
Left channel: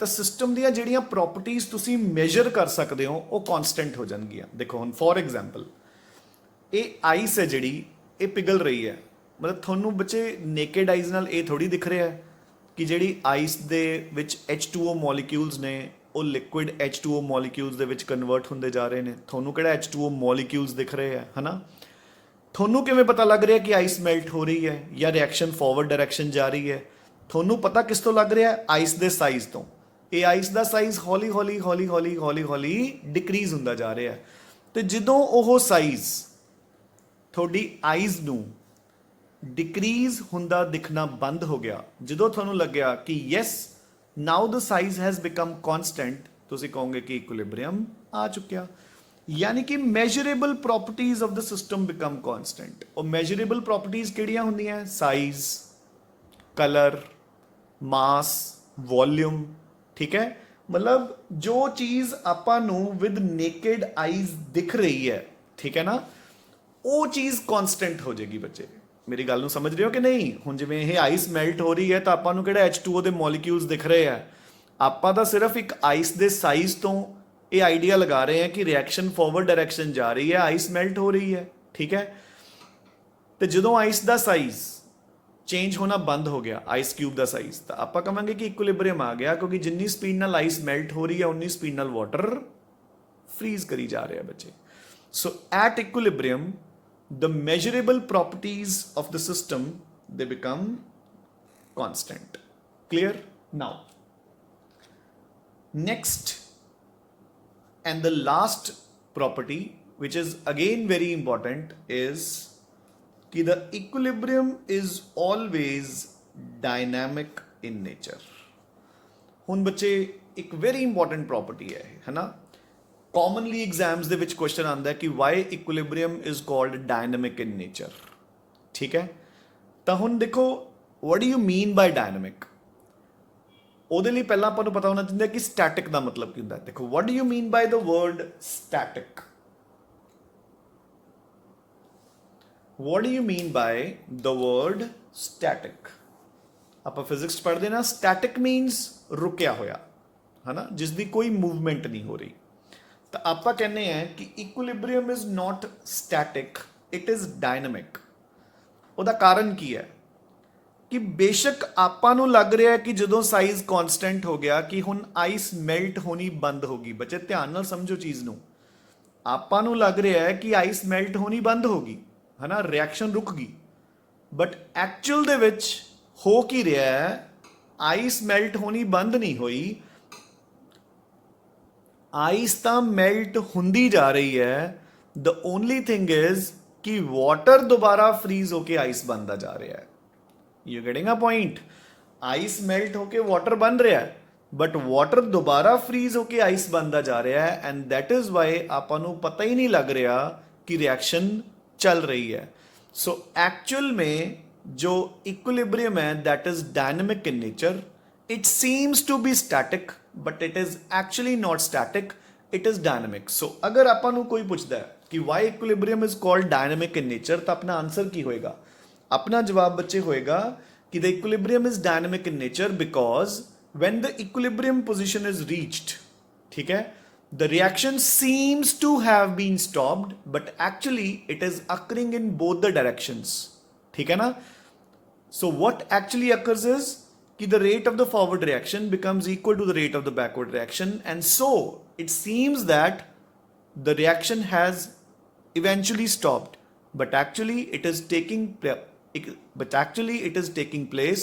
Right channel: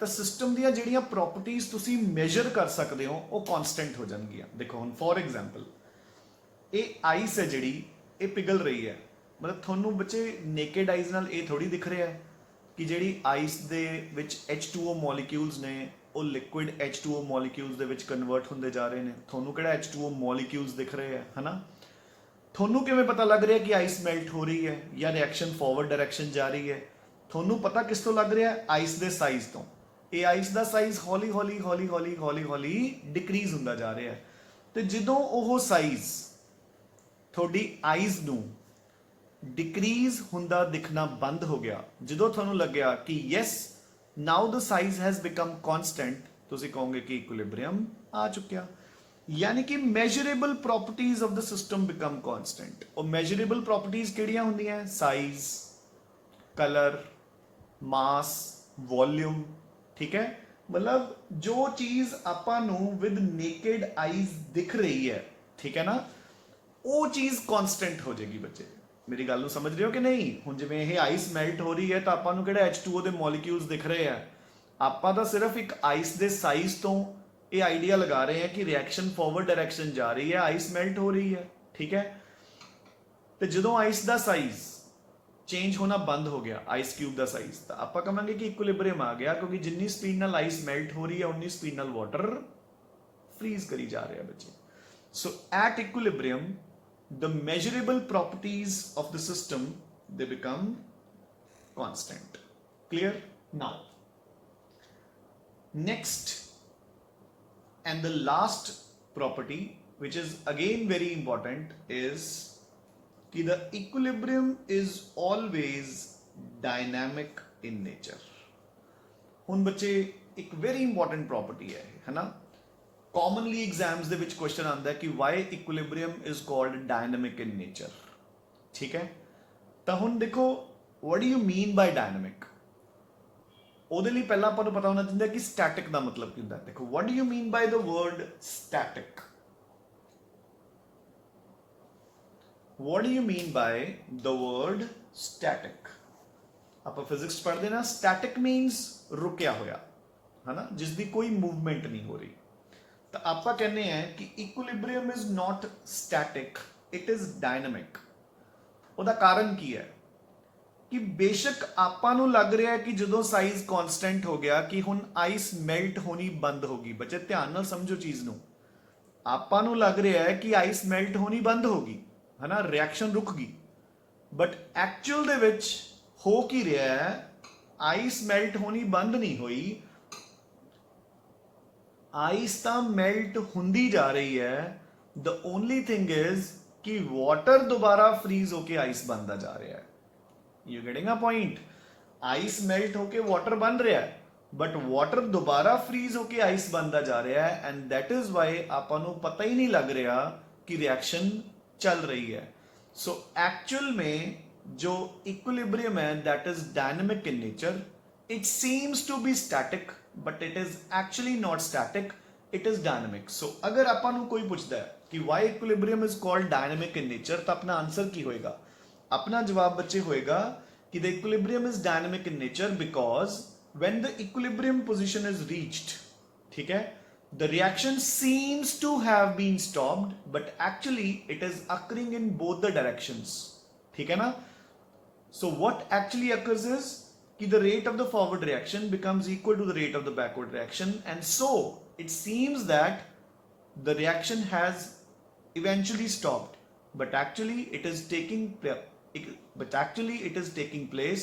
ਤਾਂ ਸਿਸਟਮ ਦੀਆਂ ਜਿਹੜੀਆਂ ਪ੍ਰੋਪਰਟੀਆਂ ਤੁਸੀਂ ਮੈਜ਼ਰ ਕਰ ਸਕਦੇ ਹੋ ਉਹ ਕਨਸਟੈਂਟ ਹੋ ਜਾਣਗੀਆਂ. ਦੇਖੋ ਹੁਣ ਫੋਰ ਐਗਜ਼ਾਮਪਲ ਇਹ ਆਈਸ ਹੈ ਜਿਹੜੀ ਇਹ ਪਿਘਲ ਰਹੀ ਹੈ, ਮਤਲਬ ਤੁਹਾਨੂੰ ਬੱਚੇ ਨੇਕਡ ਆਈਜ਼ ਨਾਲ ਇਹ ਥੋੜੀ ਦਿਖ ਰਿਹਾ ਹੈ ਕਿ ਜਿਹੜੀ ਆਈਸ ਦੇ ਵਿੱਚ H2O ਮੋਲੀਕਿਊਲਸ ਨੇ ਉਹ ਲਿਕੁਇਡ H2O ਮੋਲੀਕਿਊਲਸ ਦੇ ਵਿੱਚ ਕਨਵਰਟ ਹੁੰਦੇ ਜਾ ਰਹੇ ਨੇ. ਤੁਹਾਨੂੰ ਕਿਹੜਾ H2O ਮੋਲੀਕਿਊਲਸ ਦਿਖ ਰਹੇ ਹੈ ਹਨਾ. ਤੁਹਾਨੂੰ ਕਿਵੇਂ ਪਤਾ ਲੱਗ ਰਿਹਾ ਕਿ ਆਈਸ ਮੈਲਟ ਹੋ ਰਹੀ ਹੈ ਜਾਂ ਰਿਐਕਸ਼ਨ ਫਾਰਵਰਡ ਡਾਇਰੈਕਸ਼ਨ ਜਾ ਰਹੀ ਹੈ? ਤੁਹਾਨੂੰ ਪਤਾ ਕਿਸ ਤੋਂ ਲੱਗ ਰਿਹਾ? ਆਈਸ ਦੇ ਸਾਈਜ਼ ਤੋਂ. ਇਹ ਆਈਸ ਦਾ ਸਾਈਜ਼ ਹੌਲੀ ਹੌਲੀ ਹੌਲੀ ਹੌਲੀ ਹੌਲੀ ਹੌਲੀ ਡਿਕਰੀਜ਼ ਹੁੰਦਾ ਜਾ ਰਿਹਾ ਹੈ. ਤੇ ਜਦੋਂ ਉਹ ਸਾਈਜ਼ ਤੁਹਾਡੀ ਆਈਜ਼ ਨੂੰ ਡਿਕਰੀਜ਼ ਹੁੰਦਾ ਦਿਖਣਾ ਬੰਦ ਹੋ ਗਿਆ, ਜਦੋਂ ਤੁਹਾਨੂੰ ਲੱਗਿਆ ਕਿ yes now the size has become constant, ਤੁਸੀਂ ਕਹੋਗੇ ਕਿ ਇਕੁਇਲਿਬਰੀਅਮ ਆ ਚੁੱਕਿਆ. यानी कि measurable properties of the system become constant. और measurable properties ਕਿਹੜੀਆਂ ਹੁੰਦੀਆਂ? साइज, कलर, मास, वॉल्यूम. ठीक है, मतलब जो चीज ਆਪਾਂ ਨੂੰ with naked eyes ਦਿਖ ਰਹੀ ਹੈ, ठीक है ना, ਉਹ ਚੀਜ਼ constant ਹੋ ਜਾਏਗੀ. ਬੱਚੇ ਮੇਰੀ ਗੱਲ ਨੂੰ ਸਮਝ ਰਹੇ ਹੋ ਕਿ ਨਹੀਂ? ਹੁਣ ਜਿਵੇਂ ਇਹ ਆਈਸ ਮੈਲਟ ਹੋ ਰਹੀ ਹੈ ਤਾਂ ਆਪਾਂ ਨੂੰ ਕਿਹੜਾ H2O ਦੇ ਮੋਲੀਕਿਊਲਸ ਦਿਖ ਰਹੇ ਆ? ਆਪਾਂ ਤਾਂ ਸਿਰਫ ਇੱਕ ਆਈਸ ਦੇ ਸਾਈਜ਼ ਤੋਂ ਇਹ ਆਈਡੀਆ ਲਗਾ ਰਹੇ हैं कि रिएक्शन फॉरवर्ड डायरेक्शन जा रही है, आइस मेल्ट हो रही है. ठीक है, तो जो आइस का साइज चेंज होना बंद हो गया, आइस क्यूब का साइज, तो आप कहेंगे कि इक्विलिब्रियम आ गया, क्योंकि जिन्नी स्पीड नाल आइस मेल्ट हो रही है उन्नी स्पीड नाल वाटर फ्रीज करी जा रहा है बच्चे. So at equilibrium the measurable properties of the system they become constant. Clear? Now next and the last property, which is again very important, is कि the equilibrium is always dynamic in nature. ਹੁਣ ਬੱਚੇ ਇੱਕ very important property है ना. commonly exams ਦੇ ਵਿੱਚ question ਆਉਂਦਾ ਹੈ ਕਿ why equilibrium is called dynamic in nature. ਠੀਕ ਹੈ, ਤਾਂ ਹੁਣ ਦੇਖੋ what do you mean by dynamic? ਉਹਦੇ ਲਈ ਪਹਿਲਾਂ ਆਪਾਂ ਨੂੰ ਪਤਾ ਹੋਣਾ ਚਾਹੀਦਾ ਕਿ ਸਟੈਟਿਕ ਦਾ ਮਤਲਬ ਕੀ ਹੁੰਦਾ ਹੈ. ਦੇਖੋ what do you mean by the word static? what do you mean by the word static? ਆਪਾਂ ਫਿਜ਼ਿਕਸ ਪੜ੍ਹਦੇ ਨਾ, ਸਟੈਟਿਕ ਮੀਨਸ ਰੁਕਿਆ ਹੋਇਆ ਹੈ ਨਾ, ਜਿਸ ਦੀ ਕੋਈ ਮੂਵਮੈਂਟ ਨਹੀਂ ਹੋ ਰਹੀ. ਤਾਂ ਆਪਾਂ ਕਹਿੰਦੇ ਆ ਕਿ equilibrium is not static, it is dynamic. ਉਹਦਾ ਕਾਰਨ ਕੀ ਹੈ ਕਿ ਬੇਸ਼ੱਕ ਆਪਾਂ ਨੂੰ ਲੱਗ ਰਿਹਾ ਕਿ ਜਦੋਂ ਸਾਈਜ਼ ਕਨਸਟੈਂਟ ਹੋ ਗਿਆ ਕਿ ਹੁਣ ਆਈਸ ਮੈਲਟ ਹੋਣੀ ਬੰਦ ਹੋ ਗਈ. ਬੱਚੇ ਧਿਆਨ ਨਾਲ ਸਮਝੋ ਚੀਜ਼ ਨੂੰ. ਆਪਾਂ ਨੂੰ ਲੱਗ ਰਿਹਾ ਹੈ ਕਿ ਆਈਸ ਮੈਲਟ ਹੋਣੀ ਬੰਦ ਹੋ ਗਈ ਹੈ ਨਾ, ਰਿਐਕਸ਼ਨ ਰੁਕ ਗਈ, ਬਟ ਐਕਚੁਅਲ ਦੇ ਵਿੱਚ ਹੋ ਕੀ ਰਿਹਾ ਹੈ? ਆਈਸ ਮੈਲਟ ਹੋਣੀ ਬੰਦ ਨਹੀਂ ਹੋਈ, ਆਈਸ ਤਾਂ ਮੈਲਟ ਹੁੰਦੀ ਜਾ ਰਹੀ ਹੈ. ਦ ਓਨਲੀ ਥਿੰਗ ਇਜ਼ ਕਿ ਵਾਟਰ ਦੁਬਾਰਾ ਫਰੀਜ਼ ਹੋ ਕੇ ਆਈਸ ਬਣਦਾ ਜਾ ਰਿਹਾ ਹੈ. You getting a point? Ice melt होके वाटर बन रहा है, बट वाटर दोबारा फ्रीज होके आइस बनता जा रहा है, एंड दैट इज वाई आपां नूं पता ही नहीं लग रहा कि रिएक्शन चल रही है. सो एक्चुअल में जो इक्विलिब्रियम है that is dynamic in nature. It seems to be static but it is actually not static, it is dynamic. So अगर आपां नूं कोई पूछता है कि why equilibrium is called dynamic in nature, तो अपना आंसर की होएगा? अपना जवाब बच्चे होएगा कि the equilibrium is dynamic in nature because when the equilibrium position is reached, ठीक है, the reaction seems to have been stopped but actually it is occurring in both the directions. ठीक है ना? So what actually occurs is कि the rate of the forward reaction becomes equal to the rate of the backward reaction, and so it seems that the reaction has eventually stopped, but actually it is taking place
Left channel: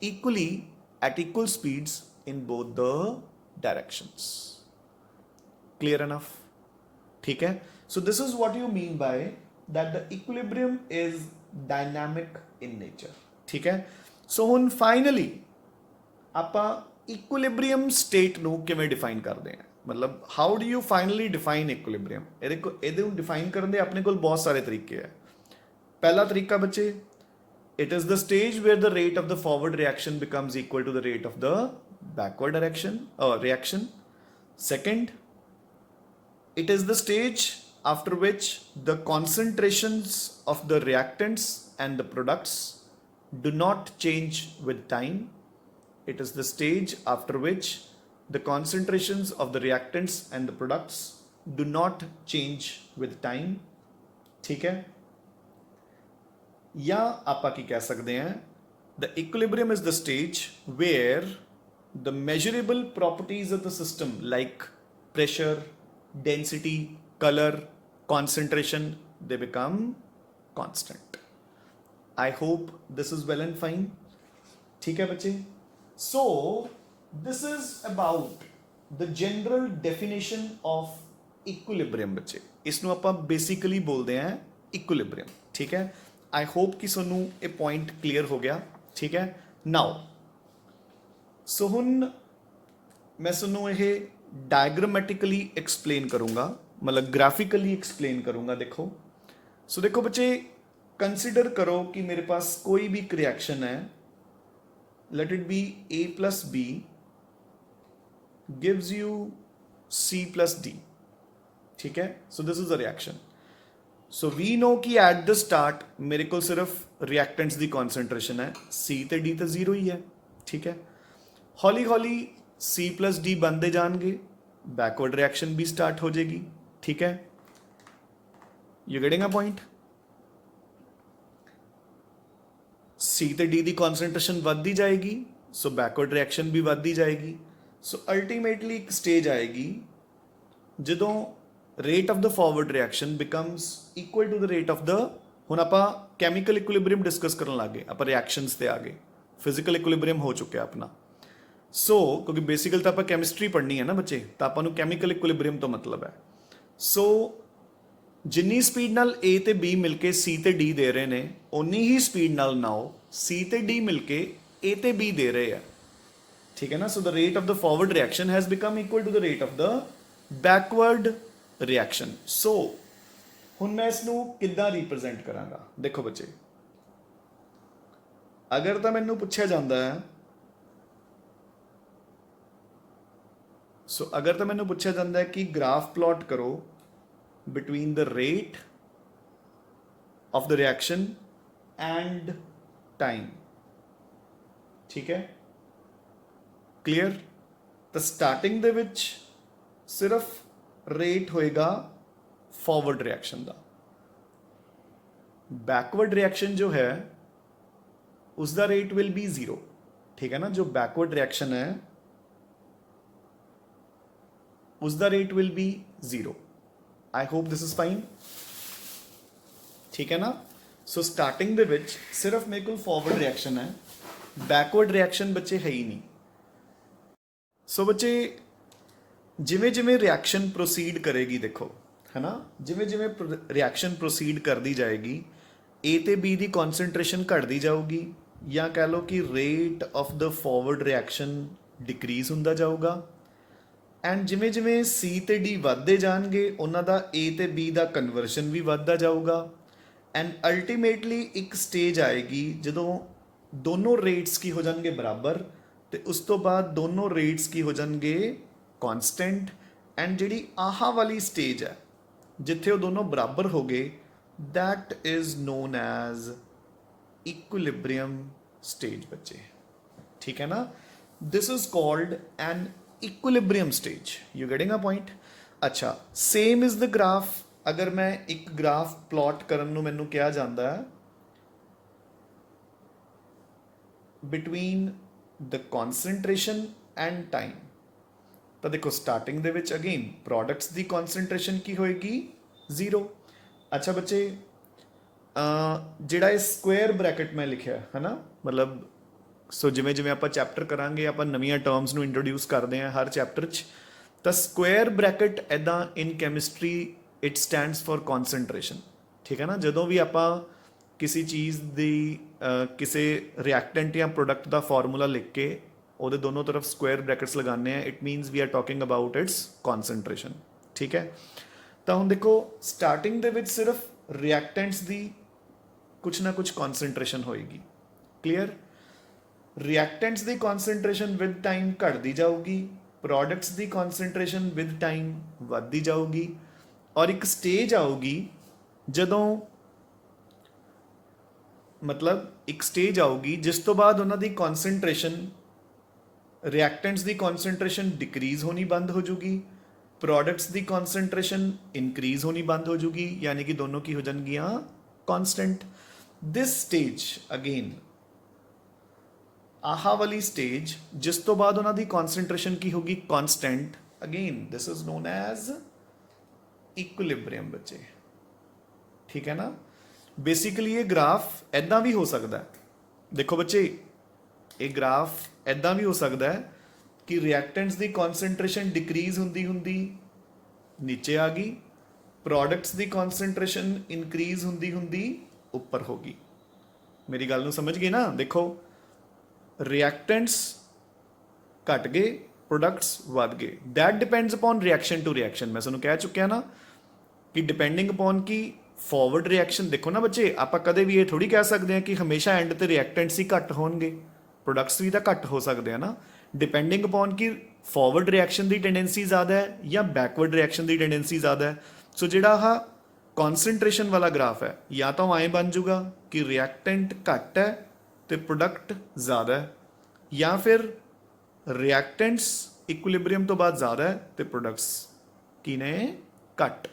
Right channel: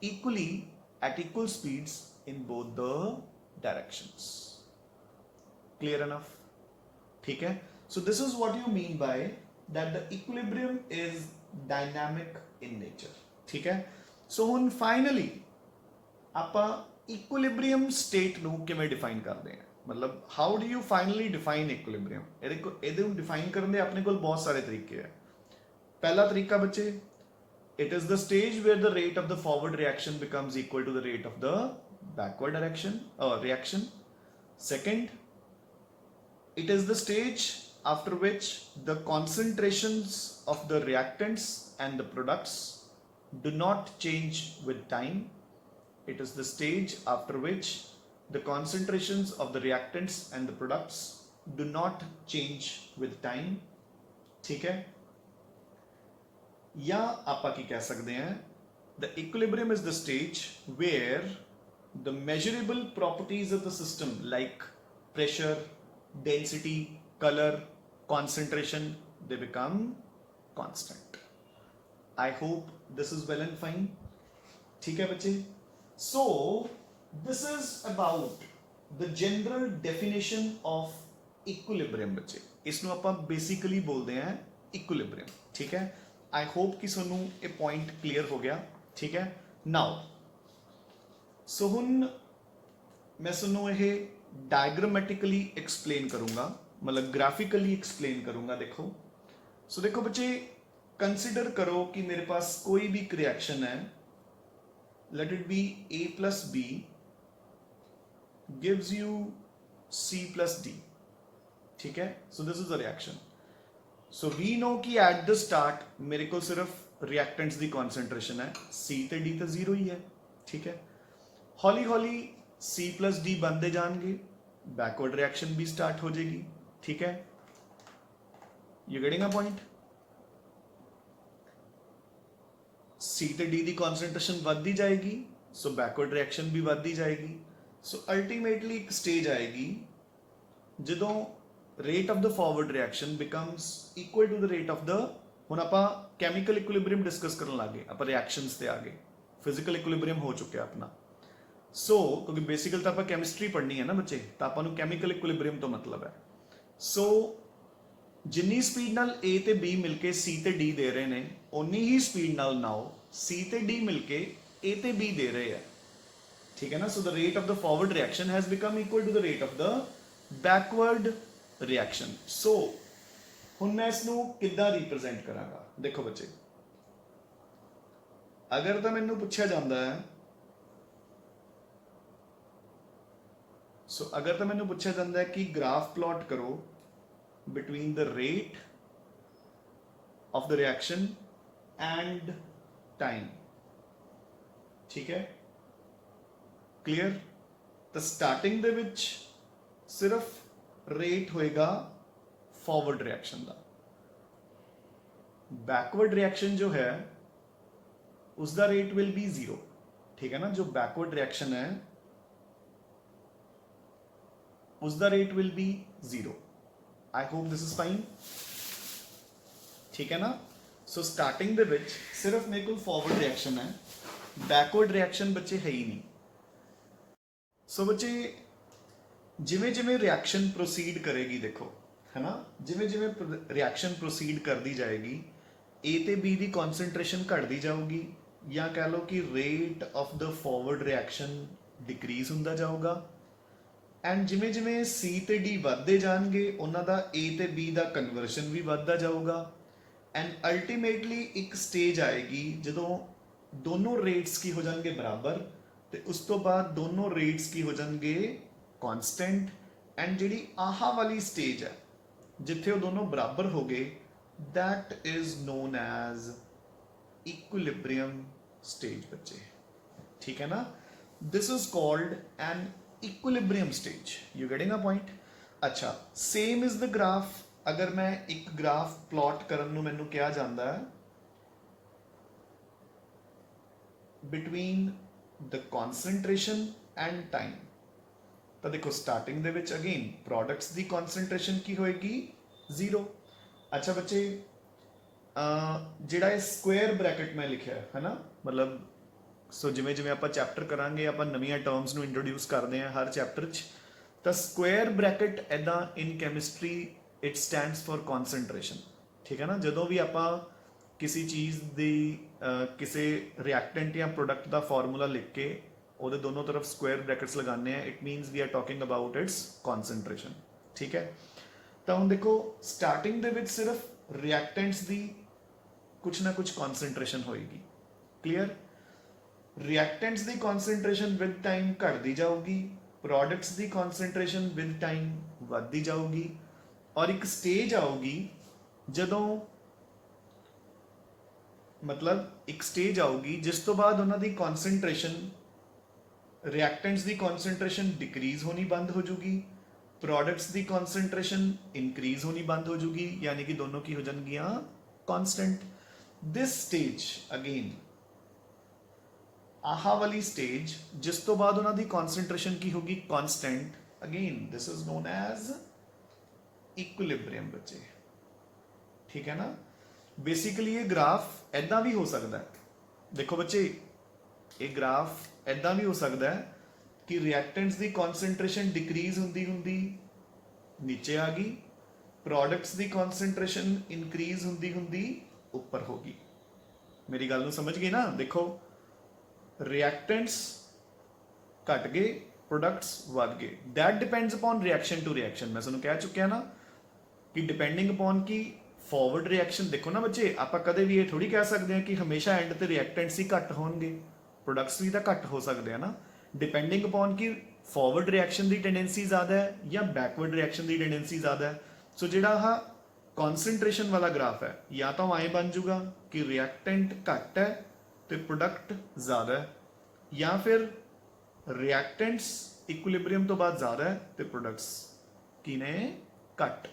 equally at equal speeds in both the directions. Clear enough? ठीक है? So this is what you mean by that the equilibrium is dynamic in nature. ठीक है? So ਹੁਣ finally ਆਪਾਂ equilibrium state ਨੂੰ ਕਿਵੇਂ define ਕਰਦੇ ਹਾਂ? ਮਤਲਬ how do you finally define equilibrium? ਇਹਦੇ ਨੂੰ define ਕਰਨ ਦੇ ਆਪਣੇ ਕੋਲ ਬਹੁਤ ਸਾਰੇ ਤਰੀਕੇ ਹੈ. ਪਹਿਲਾ ਤਰੀਕਾ ਬੱਚੇ, it is the stage where the rate of the forward reaction becomes equal to the rate of the backward reaction. Second, it is the stage after which the concentrations of the reactants and the products do not change with time. It is the stage after which the concentrations of the reactants and the products do not change with time. ठीक है? या आपा की कह सकते हैं, the equilibrium is the stage where the measurable properties of the system like pressure, density, color, concentration, they become constant. I hope this is well and fine. ठीक है बच्चे? So this is about the general definition of equilibrium बच्चे. इसਨੂੰ ਆਪਾਂ basically बोलते हैं equilibrium. ठीक है? I hope कि सोनू ये point clear हो गया. ठीक है? Now, so ਹੁਣ मैं सोनू ये diagrammatically explain करूँगा, मतलब graphically explain करूँगा. देखो, so देखो बच्चे, consider करो कि मेरे पास कोई भी reaction है, let it be A plus B gives you C plus D. ठीक है? So this is the reaction. So we know कि at the start मेरे को सिर्फ reactants ਦੀ concentration है, C ਤੇ D ਤੇ 0 ही है. ठीक है? हौली हौली C plus D बनते जाएंगे, backward reaction भी start हो जाएगी. ठीक है? You getting a point? C ਤੇ D ਦੀ concentration ਵੱਧਦੀ ਜਾਏਗੀ, so backward reaction ਵੀ ਵੱਧਦੀ ਜਾਏਗੀ. So ultimately ਇੱਕ stage ਆਏਗੀ ਜਦੋਂ rate of the forward reaction becomes equal to the rate of the, ਹੁਣ ਆਪਾਂ chemical equilibrium discuss ਕਰਨ ਲੱਗੇ, ਆਪਾਂ reactions ਤੇ ਆ ਗਏ, physical equilibrium ਹੋ ਚੁੱਕਿਆ ਆਪਣਾ. So ਕਿਉਂਕਿ ਬੇਸਿਕਲ ਤਾਂ ਆਪਾਂ chemistry ਪੜ੍ਹਨੀ ਹੈ ਨਾ ਬੱਚੇ, ਤਾਂ ਆਪਾਂ ਨੂੰ chemical equilibrium ਤੋਂ ਮਤਲਬ ਹੈ. So ਜਿੰਨੀ ਸਪੀਡ ਨਾਲ A ਤੇ B ਮਿਲ ਕੇ C ਤੇ D ਦੇ ਰਹੇ ਨੇ, ਉਨੀ ਹੀ ਸਪੀਡ ਨਾਲ ਨਾਓ C ਤੇ D ਮਿਲ ਕੇ A ਤੇ B ਦੇ ਰਹੇ ਆ. ਠੀਕ ਹੈ ਨਾ? So the rate of the forward reaction has become equal to the rate of the backward reaction. So ਹੁਣ ਮੈਂ ਇਸ ਨੂੰ ਕਿੱਦਾਂ ਰਿਪਰੈਜ਼ੈਂਟ ਕਰਾਂਗਾ? ਦੇਖੋ ਬੱਚੇ, ਅਗਰ ਤਾਂ ਮੈਨੂੰ ਪੁੱਛਿਆ ਜਾਂਦਾ ਹੈ, ਸੋ ਅਗਰ ਤਾਂ ਮੈਨੂੰ ਪੁੱਛਿਆ ਜਾਂਦਾ ਹੈ ਕਿ ਗ੍ਰਾਫ ਪਲਾਟ ਕਰੋ between the rate of the reaction and time. ठीक है? Clear? तो starting ਦੇ ਵਿੱਚ ਸਿਰਫ rate ਹੋਏਗਾ forward reaction ਦਾ. backward reaction जो है उसका rate will be 0. ठीक है ना? जो backward reaction है उसका rate will be 0. I hope this is fine. ठीक है ना? So starting ਦੇ ਵਿੱਚ ਸਿਰਫ ਮੇਰੇ ਕੋਲ forward reaction ਹੈ, backward reaction ਬੱਚੇ ਹੈ ਹੀ ਨਹੀਂ. So ਬੱਚੇ ਜਿਵੇਂ ਜਿਵੇਂ reaction proceed ਕਰੇਗੀ, ਦੇਖੋ ਹੈ ਨਾ, ਜਿਵੇਂ ਜਿਵੇਂ reaction proceed ਕਰਦੀ ਜਾਏਗੀ, A ਤੇ B ਦੀ concentration ਘਟਦੀ ਜਾਊਗੀ, ਜਾਂ ਕਹਿ ਲਓ ਕਿ rate of the forward reaction decrease ਹੁੰਦਾ ਜਾਊਗਾ. ਐਂਡ ਜਿਵੇਂ ਜਿਵੇਂ C ਤੇ D ਵੱਧਦੇ ਜਾਣਗੇ, ਉਹਨਾਂ ਦਾ A ਤੇ B ਦਾ ਕਨਵਰਸ਼ਨ ਵੀ ਵੱਧਦਾ ਜਾਊਗਾ. ਐਂਡ ਅਲਟੀਮੇਟਲੀ ਇੱਕ ਸਟੇਜ ਆਏਗੀ ਜਦੋਂ ਦੋਨੋਂ ਰੇਟਸ ਕੀ ਹੋ ਜਾਣਗੇ ਬਰਾਬਰ, ਤੇ ਉਸ ਤੋਂ ਬਾਅਦ ਦੋਨੋਂ ਰੇਟਸ ਕੀ ਹੋ ਜਾਣਗੇ ਕਨਸਟੈਂਟ. ਐਂਡ ਜਿਹੜੀ ਆਹ ਵਾਲੀ ਸਟੇਜ ਹੈ ਜਿੱਥੇ ਉਹ ਦੋਨੋਂ ਬਰਾਬਰ ਹੋ ਗਏ, that is known as equilibrium stage ਬੱਚੇ. ਠੀਕ ਹੈ ਨਾ? This is called an equilibrium stage. You getting a point? अच्छा, same is the graph. अगर मैं एक ग्राफ प्लॉट करन ਨੂੰ ਮੈਨੂੰ ਕਿਹਾ ਜਾਂਦਾ ਹੈ between the concentration and time, ਤਾਂ ਦੇਖੋ ਸਟਾਰਟਿੰਗ ਦੇ ਵਿੱਚ ਅਗੇਨ ਪ੍ਰੋਡਕਟਸ ਦੀ concentration ਕੀ ਹੋਏਗੀ 0. ਅੱਛਾ ਬੱਚੇ, ਜਿਹੜਾ ਇਹ ਸਕੁਅਰ ਬ੍ਰੈਕਟ ਮੈਂ ਲਿਖਿਆ ਹੈ ਨਾ, ਮਤਲਬ ਸੋ ਜਿਵੇਂ ਜਿਵੇਂ ਆਪਾਂ ਚੈਪਟਰ ਕਰਾਂਗੇ ਆਪਾਂ ਨਵੀਆਂ ਟਰਮਸ ਨੂੰ ਇੰਟਰੋਡਿਊਸ ਕਰਦੇ ਹਾਂ ਹਰ ਚੈਪਟਰ 'ਚ। ਤਾਂ ਸਕੁਆਇਰ ਬ੍ਰੈਕਟ ਐਦਾਂ in chemistry it stands for concentration. ਠੀਕ ਹੈ ਨਾ, ਜਦੋਂ ਵੀ ਆਪਾਂ ਕਿਸੇ ਚੀਜ਼ ਦੀ ਕਿਸੇ ਰਿਐਕਟੈਂਟ ਜਾਂ ਪ੍ਰੋਡਕਟ ਦਾ ਫਾਰਮੂਲਾ ਲਿਖ ਕੇ ਉਹਦੇ ਦੋਨੋਂ ਤਰਫ ਸਕੁਆਇਰ ਬ੍ਰੈਕਟਸ ਲਗਾਉਂਦੇ ਆ, it means we are talking about its concentration. ਠੀਕ ਹੈ, ਤਾਂ ਹੁਣ ਦੇਖੋ ਸਟਾਰਟਿੰਗ ਦੇ ਵਿੱਚ ਸਿਰਫ ਰਿਐਕਟੈਂਟਸ ਦੀ ਕੁਛ ਨਾ ਕੁਛ ਕਨਸੈਂਟਰੇਸ਼ਨ ਹੋਏਗੀ। Clear? Reactants the concentration with time ਘਟਦੀ ਜਾਊਗੀ, products the concentration with time ਵੱਧਦੀ ਜਾਊਗੀ, ਔਰ ਇੱਕ ਸਟੇਜ ਆਊਗੀ ਜਦੋਂ ਮਤਲਬ ਇੱਕ ਸਟੇਜ ਆਊਗੀ ਜਿਸ ਤੋਂ ਬਾਅਦ ਉਹਨਾਂ ਦੀ ਕਨਸੈਂਟਰੇਸ਼ਨ, ਰਿਐਕਟੈਂਟਸ ਦੀ ਕਨਸੈਂਟਰੇਸ਼ਨ ਡਿਕਰੀਜ਼ ਹੋਣੀ ਬੰਦ ਹੋ ਜੂਗੀ, ਪ੍ਰੋਡਕਟਸ ਦੀ ਕਨਸੈਂਟਰੇਸ਼ਨ ਇਨਕਰੀਜ਼ ਹੋਣੀ ਬੰਦ ਹੋ ਜੂਗੀ, ਯਾਨੀ ਕਿ ਦੋਨੋਂ ਕੀ ਹੋ ਜਾਣਗੀਆਂ? ਕਾਂਸਟੈਂਟ। ਦਿਸ ਸਟੇਜ ਅਗੇਨ, ਆਹ ਵਾਲੀ ਸਟੇਜ ਜਿਸ ਤੋਂ ਬਾਅਦ ਉਹਨਾਂ ਦੀ ਕਨਸੈਂਟਰੇਸ਼ਨ ਕੀ ਹੋਗੀ? Constant. Again this is non as equilibrium ਬੱਚੇ। ਠੀਕ ਹੈ ਨਾ? ਬੇਸਿਕਲੀ ਇਹ ਗ੍ਰਾਫ ਐਦਾਂ ਵੀ ਹੋ ਸਕਦਾ ਹੈ। ਦੇਖੋ ਬੱਚੇ, ਇਹ ਗ੍ਰਾਫ ਐਦਾਂ ਵੀ ਹੋ ਸਕਦਾ ਹੈ ਕਿ ਰਿਐਕਟੈਂਟਸ ਦੀ ਕਨਸੈਂਟਰੇਸ਼ਨ ਡਿਕਰੀਜ਼ ਹੁੰਦੀ ਹੁੰਦੀ ਨੀਚੇ ਆ ਗਈ, ਪ੍ਰੋਡਕਟਸ ਦੀ ਕਨਸੈਂਟਰੇਸ਼ਨ ਇਨਕਰੀਜ਼ ਹੁੰਦੀ ਹੁੰਦੀ ਉੱਪਰ ਹੋ ਗਈ। ਮੇਰੀ ਗੱਲ ਨੂੰ ਸਮਝ ਗਏ ਨਾ? ਦੇਖੋ ਰਿਐਕਟੈਂਟਸ ਘਟ ਗਏ, ਪ੍ਰੋਡਕਟਸ ਵੱਧ ਗਏ। That depends upon reaction to reaction. ਮੈਂ ਤੁਹਾਨੂੰ ਕਹਿ ਚੁੱਕਿਆ ਨਾ ਕਿ ਡਿਪੈਂਡਿੰਗ ਅਪॉन ਕੀ ਫਾਰਵਰਡ ਰਿਐਕਸ਼ਨ। ਦੇਖੋ ਨਾ ਬੱਚੇ, ਆਪਾਂ ਕਦੇ ਵੀ ਇਹ ਥੋੜੀ ਕਹਿ ਸਕਦੇ ਹਾਂ ਕਿ ਹਮੇਸ਼ਾ ਐਂਡ ਤੇ ਰਿਐਕਟੈਂਟਸ ਹੀ ਘੱਟ ਹੋਣਗੇ, ਪ੍ਰੋਡਕਟਸ ਵੀ ਤਾਂ ਘੱਟ ਹੋ ਸਕਦੇ ਆ ਨਾ। ਡਿਪੈਂਡਿੰਗ ਅਪॉन ਕਿ ਫਾਰਵਰਡ ਰਿਐਕਸ਼ਨ ਦੀ ਟੈਂਡੈਂਸੀ ਜ਼ਿਆਦਾ ਹੈ ਜਾਂ ਬੈਕਵਰਡ ਰਿਐਕਸ਼ਨ ਦੀ ਟੈਂਡੈਂਸੀ ਜ਼ਿਆਦਾ ਹੈ। ਸੋ ਜਿਹੜਾ ਆਹ ਕਨਸੈਂਟਰੇਸ਼ਨ ਵਾਲਾ ਗ੍ਰਾਫ ਹੈ, ਜਾਂ ਤਾਂ ਐਂ ਬਣ ਜਾਊਗਾ ਕਿ ਰਿਐਕਟੈਂਟ ਘੱਟ ਹੈ ਤੇ ਪ੍ਰੋਡਕਟ ਜ਼ਿਆਦਾ ਹੈ, ਜਾਂ ਫਿਰ ਰਿਐਕਟੈਂਟਸ ਇਕੁਇਲਿਬ੍ਰੀਅਮ ਤੋਂ ਬਾਅਦ ਜ਼ਿਆਦਾ ਹੈ ਤੇ ਪ੍ਰੋਡਕਟਸ ਕੀ ਨੇ? ਘੱਟ।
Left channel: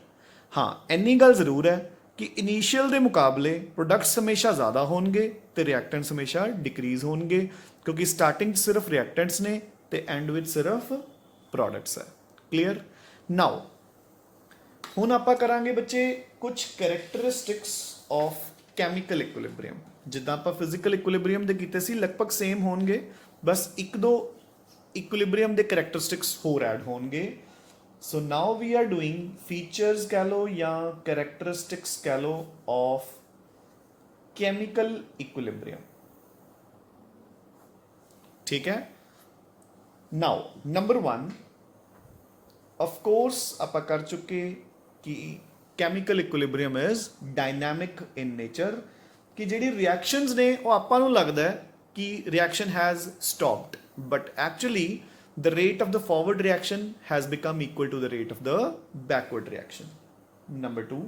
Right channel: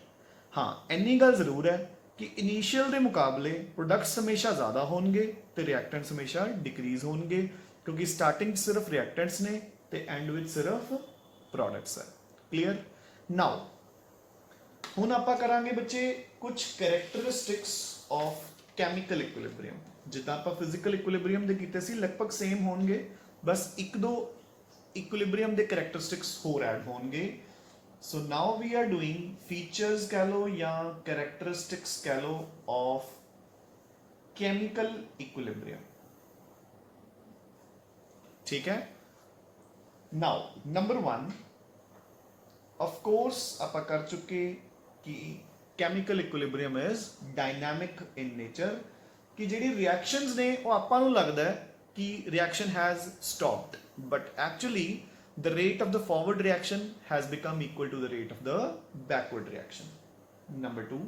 ਹਾਂ, ਇੰਨੀ ਗੱਲ ਜ਼ਰੂਰ ਹੈ ਕਿ ਇਨੀਸ਼ੀਅਲ ਦੇ ਮੁਕਾਬਲੇ ਪ੍ਰੋਡਕਟਸ ਹਮੇਸ਼ਾ ਜ਼ਿਆਦਾ ਹੋਣਗੇ ਤੇ ਰਿਐਕਟੈਂਟਸ ਹਮੇਸ਼ਾ ਡਿਕਰੀਜ਼ ਹੋਣਗੇ, ਕਿਉਂਕਿ ਸਟਾਰਟਿੰਗ 'ਚ ਸਿਰਫ ਰਿਐਕਟੈਂਟਸ ਨੇ ਤੇ ਐਂਡ ਵਿੱਚ ਸਿਰਫ ਪ੍ਰੋਡਕਟਸ ਹੈ। ਕਲੀਅਰ? ਨਾਓ ਹੁਣ ਆਪਾਂ ਕਰਾਂਗੇ ਬੱਚੇ ਕੁਝ ਕੈਰੈਕਟਰਿਸਟਿਕਸ ਆਫ ਕੈਮੀਕਲ ਇਕੁਇਲਿਬ੍ਰੀਅਮ। ਜਿੱਦਾਂ ਆਪਾਂ ਫਿਜ਼ੀਕਲ ਇਕੁਇਲਿਬ੍ਰੀਅਮ ਦੇ ਕੀਤੇ ਸੀ, ਲਗਭਗ ਸੇਮ ਹੋਣਗੇ, ਬਸ ਇੱਕ ਦੋ ਇਕੁਇਲਿਬ੍ਰੀਅਮ ਦੇ ਕੈਰੈਕਟਰਿਸਟਿਕਸ ਹੋਰ ਐਡ ਹੋਣਗੇ। So now we are doing features कह लो या characteristics कह लो of chemical equilibrium। ठीक है? Now number one, of course आप कर चुके कि chemical equilibrium is dynamic in nature, कि ਜਿਹੜੀ reactions ने वो ਆਪਾਂ ਨੂੰ लगता है कि reaction has stopped, but actually the rate of the forward reaction has become equal to the rate of the backward reaction. Number two,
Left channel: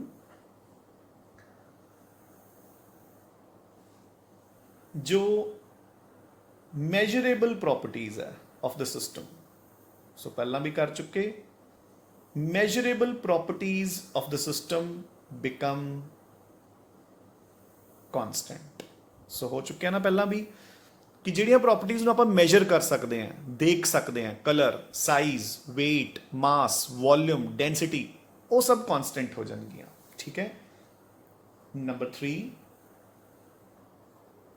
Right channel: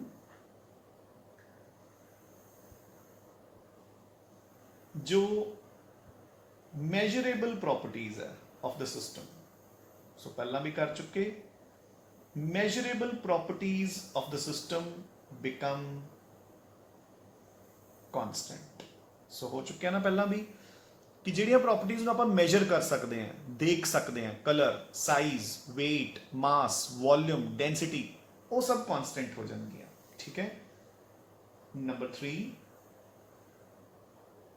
जो measurable properties है of the system, so पहला भी कर चुके, measurable properties of the system become constant। so हो चुके हैं ना पहला भी कि ਜਿਹੜੀਆਂ ਪ੍ਰੋਪਰਟੀਜ਼ ਨੂੰ ਆਪਾਂ ਮੈਜ਼ਰ ਕਰ ਸਕਦੇ ਹਾਂ, ਦੇਖ ਸਕਦੇ ਹਾਂ, colour, size, weight, mass, volume, density, ਉਹ ਸਭ ਕਾਂਸਟੈਂਟ ਹੋ ਜਾਣਗੀਆਂ। ਠੀਕ ਹੈ? Number 3,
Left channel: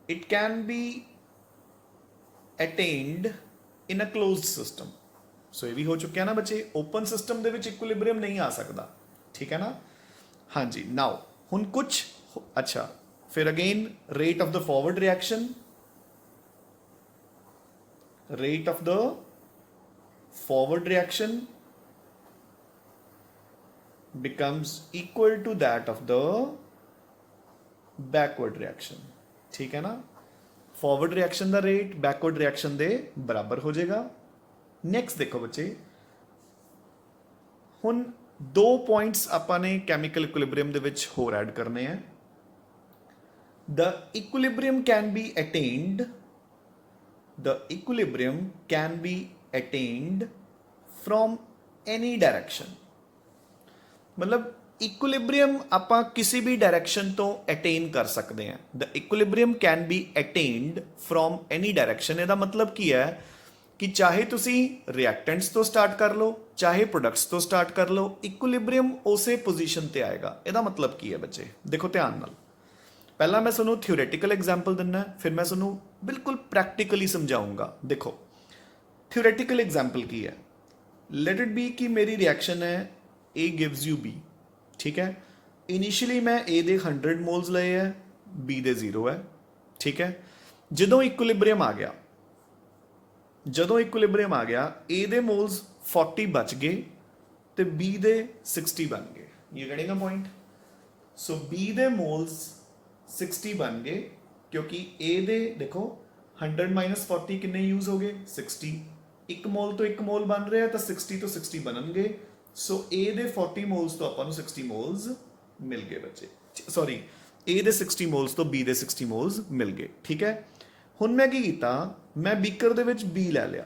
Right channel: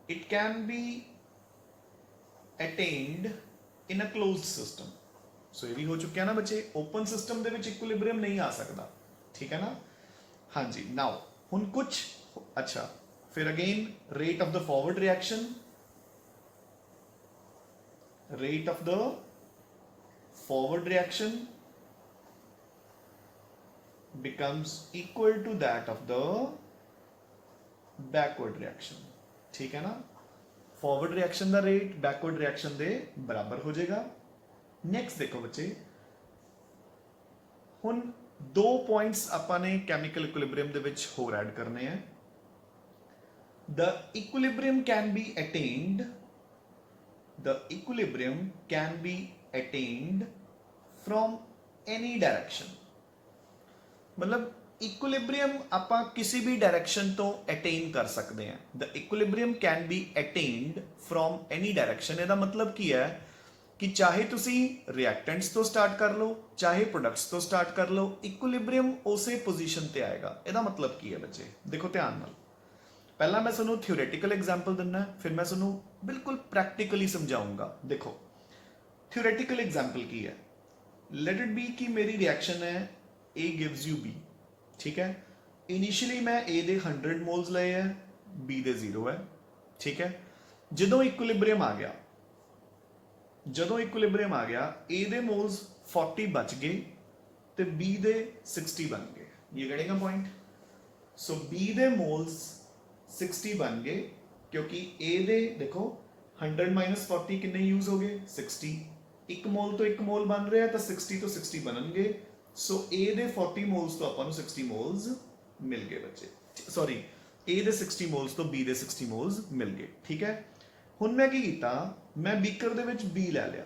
it can be attained in a closed system. So ਇਹ ਵੀ ਹੋ ਚੁੱਕਿਆ ਨਾ ਬੱਚੇ, ਓਪਨ ਸਿਸਟਮ ਦੇ ਵਿੱਚ ਇਕੁਇਲਿਬ੍ਰੀਅਮ ਨਹੀਂ ਆ ਸਕਦਾ। ਠੀਕ ਹੈ ਨਾ? ਹਾਂਜੀ। ਨਾਓ ਹੁਣ ਕੁਝ ਅੱਛਾ, ਫਿਰ again rate of the forward reaction, rate of the forward reaction becomes equal to that of the backward reaction। ठीक है ना? forward reaction ਦਾ rate backward reaction ਦੇ ਬਰਾਬਰ ਹੋ ਜਾਏਗਾ। next ਦੇਖੋ ਬੱਚੇ, ਹੁਣ ਦੋ ਪੁਆਇੰਟਸ ਆਪਾਂ ਨੇ ਕੈਮੀਕਲ ਇਕੁਇਲਿਬ੍ਰੀਅਮ ਦੇ ਵਿੱਚ ਹੋਰ ਐਡ ਕਰਨੇ ਆ। the equilibrium can be attained, the equilibrium can be attained from any direction। मतलब इक्विलिब्रियम ਆਪਾਂ ਕਿਸੇ ਵੀ ਡਾਇਰੈਕਸ਼ਨ ਤੋਂ ਅਟੇਨ ਕਰ ਸਕਦੇ ਹਾਂ। the equilibrium can be attained from any direction। ਇਹਦਾ ਮਤਲਬ ਕੀ ਹੈ ਕਿ ਚਾਹੇ ਤੁਸੀਂ ਰਿਐਕਟੈਂਟਸ ਤੋਂ ਸਟਾਰਟ ਕਰ ਲਓ, ਚਾਹੇ ਪ੍ਰੋਡਕਟਸ ਤੋਂ ਸਟਾਰਟ ਕਰ ਲਓ, ਇਕੁਇਲਿਬ੍ਰੀਅਮ ਉਸੇ ਪੋਜੀਸ਼ਨ ਤੇ ਆਏਗਾ। ਇਹਦਾ ਮਤਲਬ ਕੀ ਹੈ ਬੱਚੇ? ਦੇਖੋ ਧਿਆਨ ਨਾਲ, ਪਹਿਲਾਂ ਮੈਂ ਤੁਹਾਨੂੰ ਥਿਓਰੈਟੀਕਲ ਐਗਜ਼ਾਮਪਲ ਦਿੰਨਾ, ਫਿਰ ਮੈਂ ਤੁਹਾਨੂੰ ਬਿਲਕੁਲ ਪ੍ਰੈਕਟੀਕਲੀ ਸਮਝਾਉਂਗਾ। ਦੇਖੋ ਥਿਓਰੈਟੀਕਲ ਐਗਜ਼ਾਮਪਲ ਕੀ ਹੈ, ਲੈਟ ਇਟ ਬੀ ਕਿ ਮੇਰੀ ਰਿਐਕਸ਼ਨ ਹੈ A gives you B, ਠੀਕ ਹੈ। ਇਨੀਸ਼ੀਅਲੀ ਮੈਂ A ਦੇ 100 ਮੋਲਸ ਲਏ ਹੈ, B ਦੇ 0 ਹੈ, ਠੀਕ ਹੈ। ਜਦੋਂ ਇਕੁਇਲਿਬਰੀਅਮ ਆ ਗਿਆ, A ਦੇ ਮੋਲਸ 40 ਬਚ ਗਏ ਤੇ B ਦੇ 60 ਬਣ ਗਏ। ਇਹ getting a point? So B ਦੇ ਮੋਲਸ 60 ਬਣ ਗਏ ਕਿਉਂਕਿ A ਦੇ ਦੇਖੋ 100 - 40 ਕਿੰਨੇ ਯੂਜ਼ ਹੋ ਗਏ 60। ਇੱਕ ਮੋਲ ਤੋਂ ਇੱਕ ਮੋਲ ਬਣ ਰਿਹਾ ਤਾਂ 60 ਤੋਂ 60 ਬਣਨਗੇ। ਸੋ A ਦੇ 40 ਮੋਲਸ ਤੋਂ ਆਪਾਂ ਨੂੰ 60 ਮੋਲਸ ਮਿਲ ਗਏ ਬੱਚੇ, ਸੌਰੀ A ਦੇ 60 ਮੋਲਸ ਤੋਂ B ਦੇ 60 ਮੋਲਸ ਮਿਲ ਗਏ, ਠੀਕ ਹੈ। ਹੁਣ ਮੈਂ ਕੀ ਕੀਤਾ, ਮੈਂ ਬੀਕਰ ਦੇ ਵਿੱਚ B ਲੈ ਲਿਆ,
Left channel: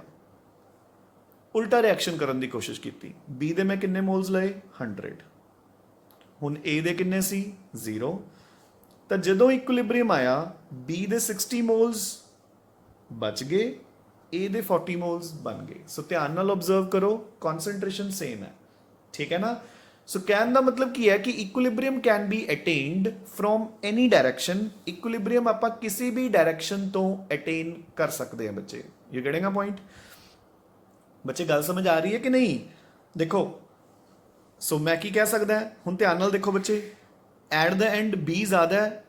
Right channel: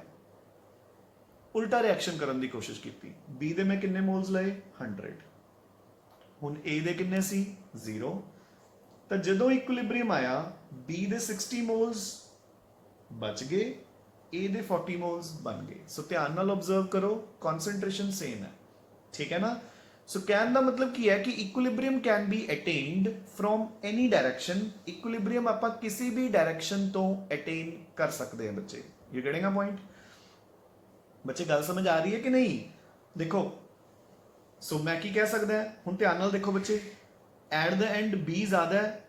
ਉਲਟਾ ਰਿਐਕਸ਼ਨ ਕਰਨ ਦੀ ਕੋਸ਼ਿਸ਼ ਕੀਤੀ। B ਦੇ ਮੈਂ ਕਿੰਨੇ ਮੋਲਸ ਲਏ 100, ਹੁਣ A ਦੇ ਕਿੰਨੇ ਸੀ 0। ਤਾਂ ਜਦੋਂ ਇਕੁਇਲਿਬਰੀਅਮ ਆਇਆ B ਦੇ 60 ਮੋਲਸ ਬਚ ਗਏ, A ਦੇ 40 ਮੋਲਸ ਬਣ ਗਏ। ਸੋ ਧਿਆਨ ਨਾਲ ਆਬਜ਼ਰਵ ਕਰੋ, ਕਨਸੈਂਟ੍ਰੇਸ਼ਨ ਸੇਮ ਹੈ, ਠੀਕ ਹੈ ਨਾ। ਸੋ ਕਹਿਣ ਦਾ ਮਤਲਬ ਕੀ ਹੈ ਕਿ equilibrium can be attained from any direction. Equilibrium ਆਪਾਂ ਕਿਸੇ ਵੀ ਡਾਇਰੈਕਸ਼ਨ ਤੋਂ ਅਟੇਨ ਕਰ ਸਕਦੇ ਹਾਂ ਬੱਚੇ। You getting a point? ਬੱਚੇ ਗੱਲ ਸਮਝ ਆ ਰਹੀ ਹੈ ਕਿ ਨਹੀਂ? ਦੇਖੋ ਸੋ ਮੈਂ ਕੀ ਕਹਿ ਸਕਦਾ, ਹੁਣ ਧਿਆਨ ਨਾਲ ਦੇਖੋ ਬੱਚੇ, ਐਟ ਦ ਐਂਡ B ਜ਼ਿਆਦਾ ਹੈ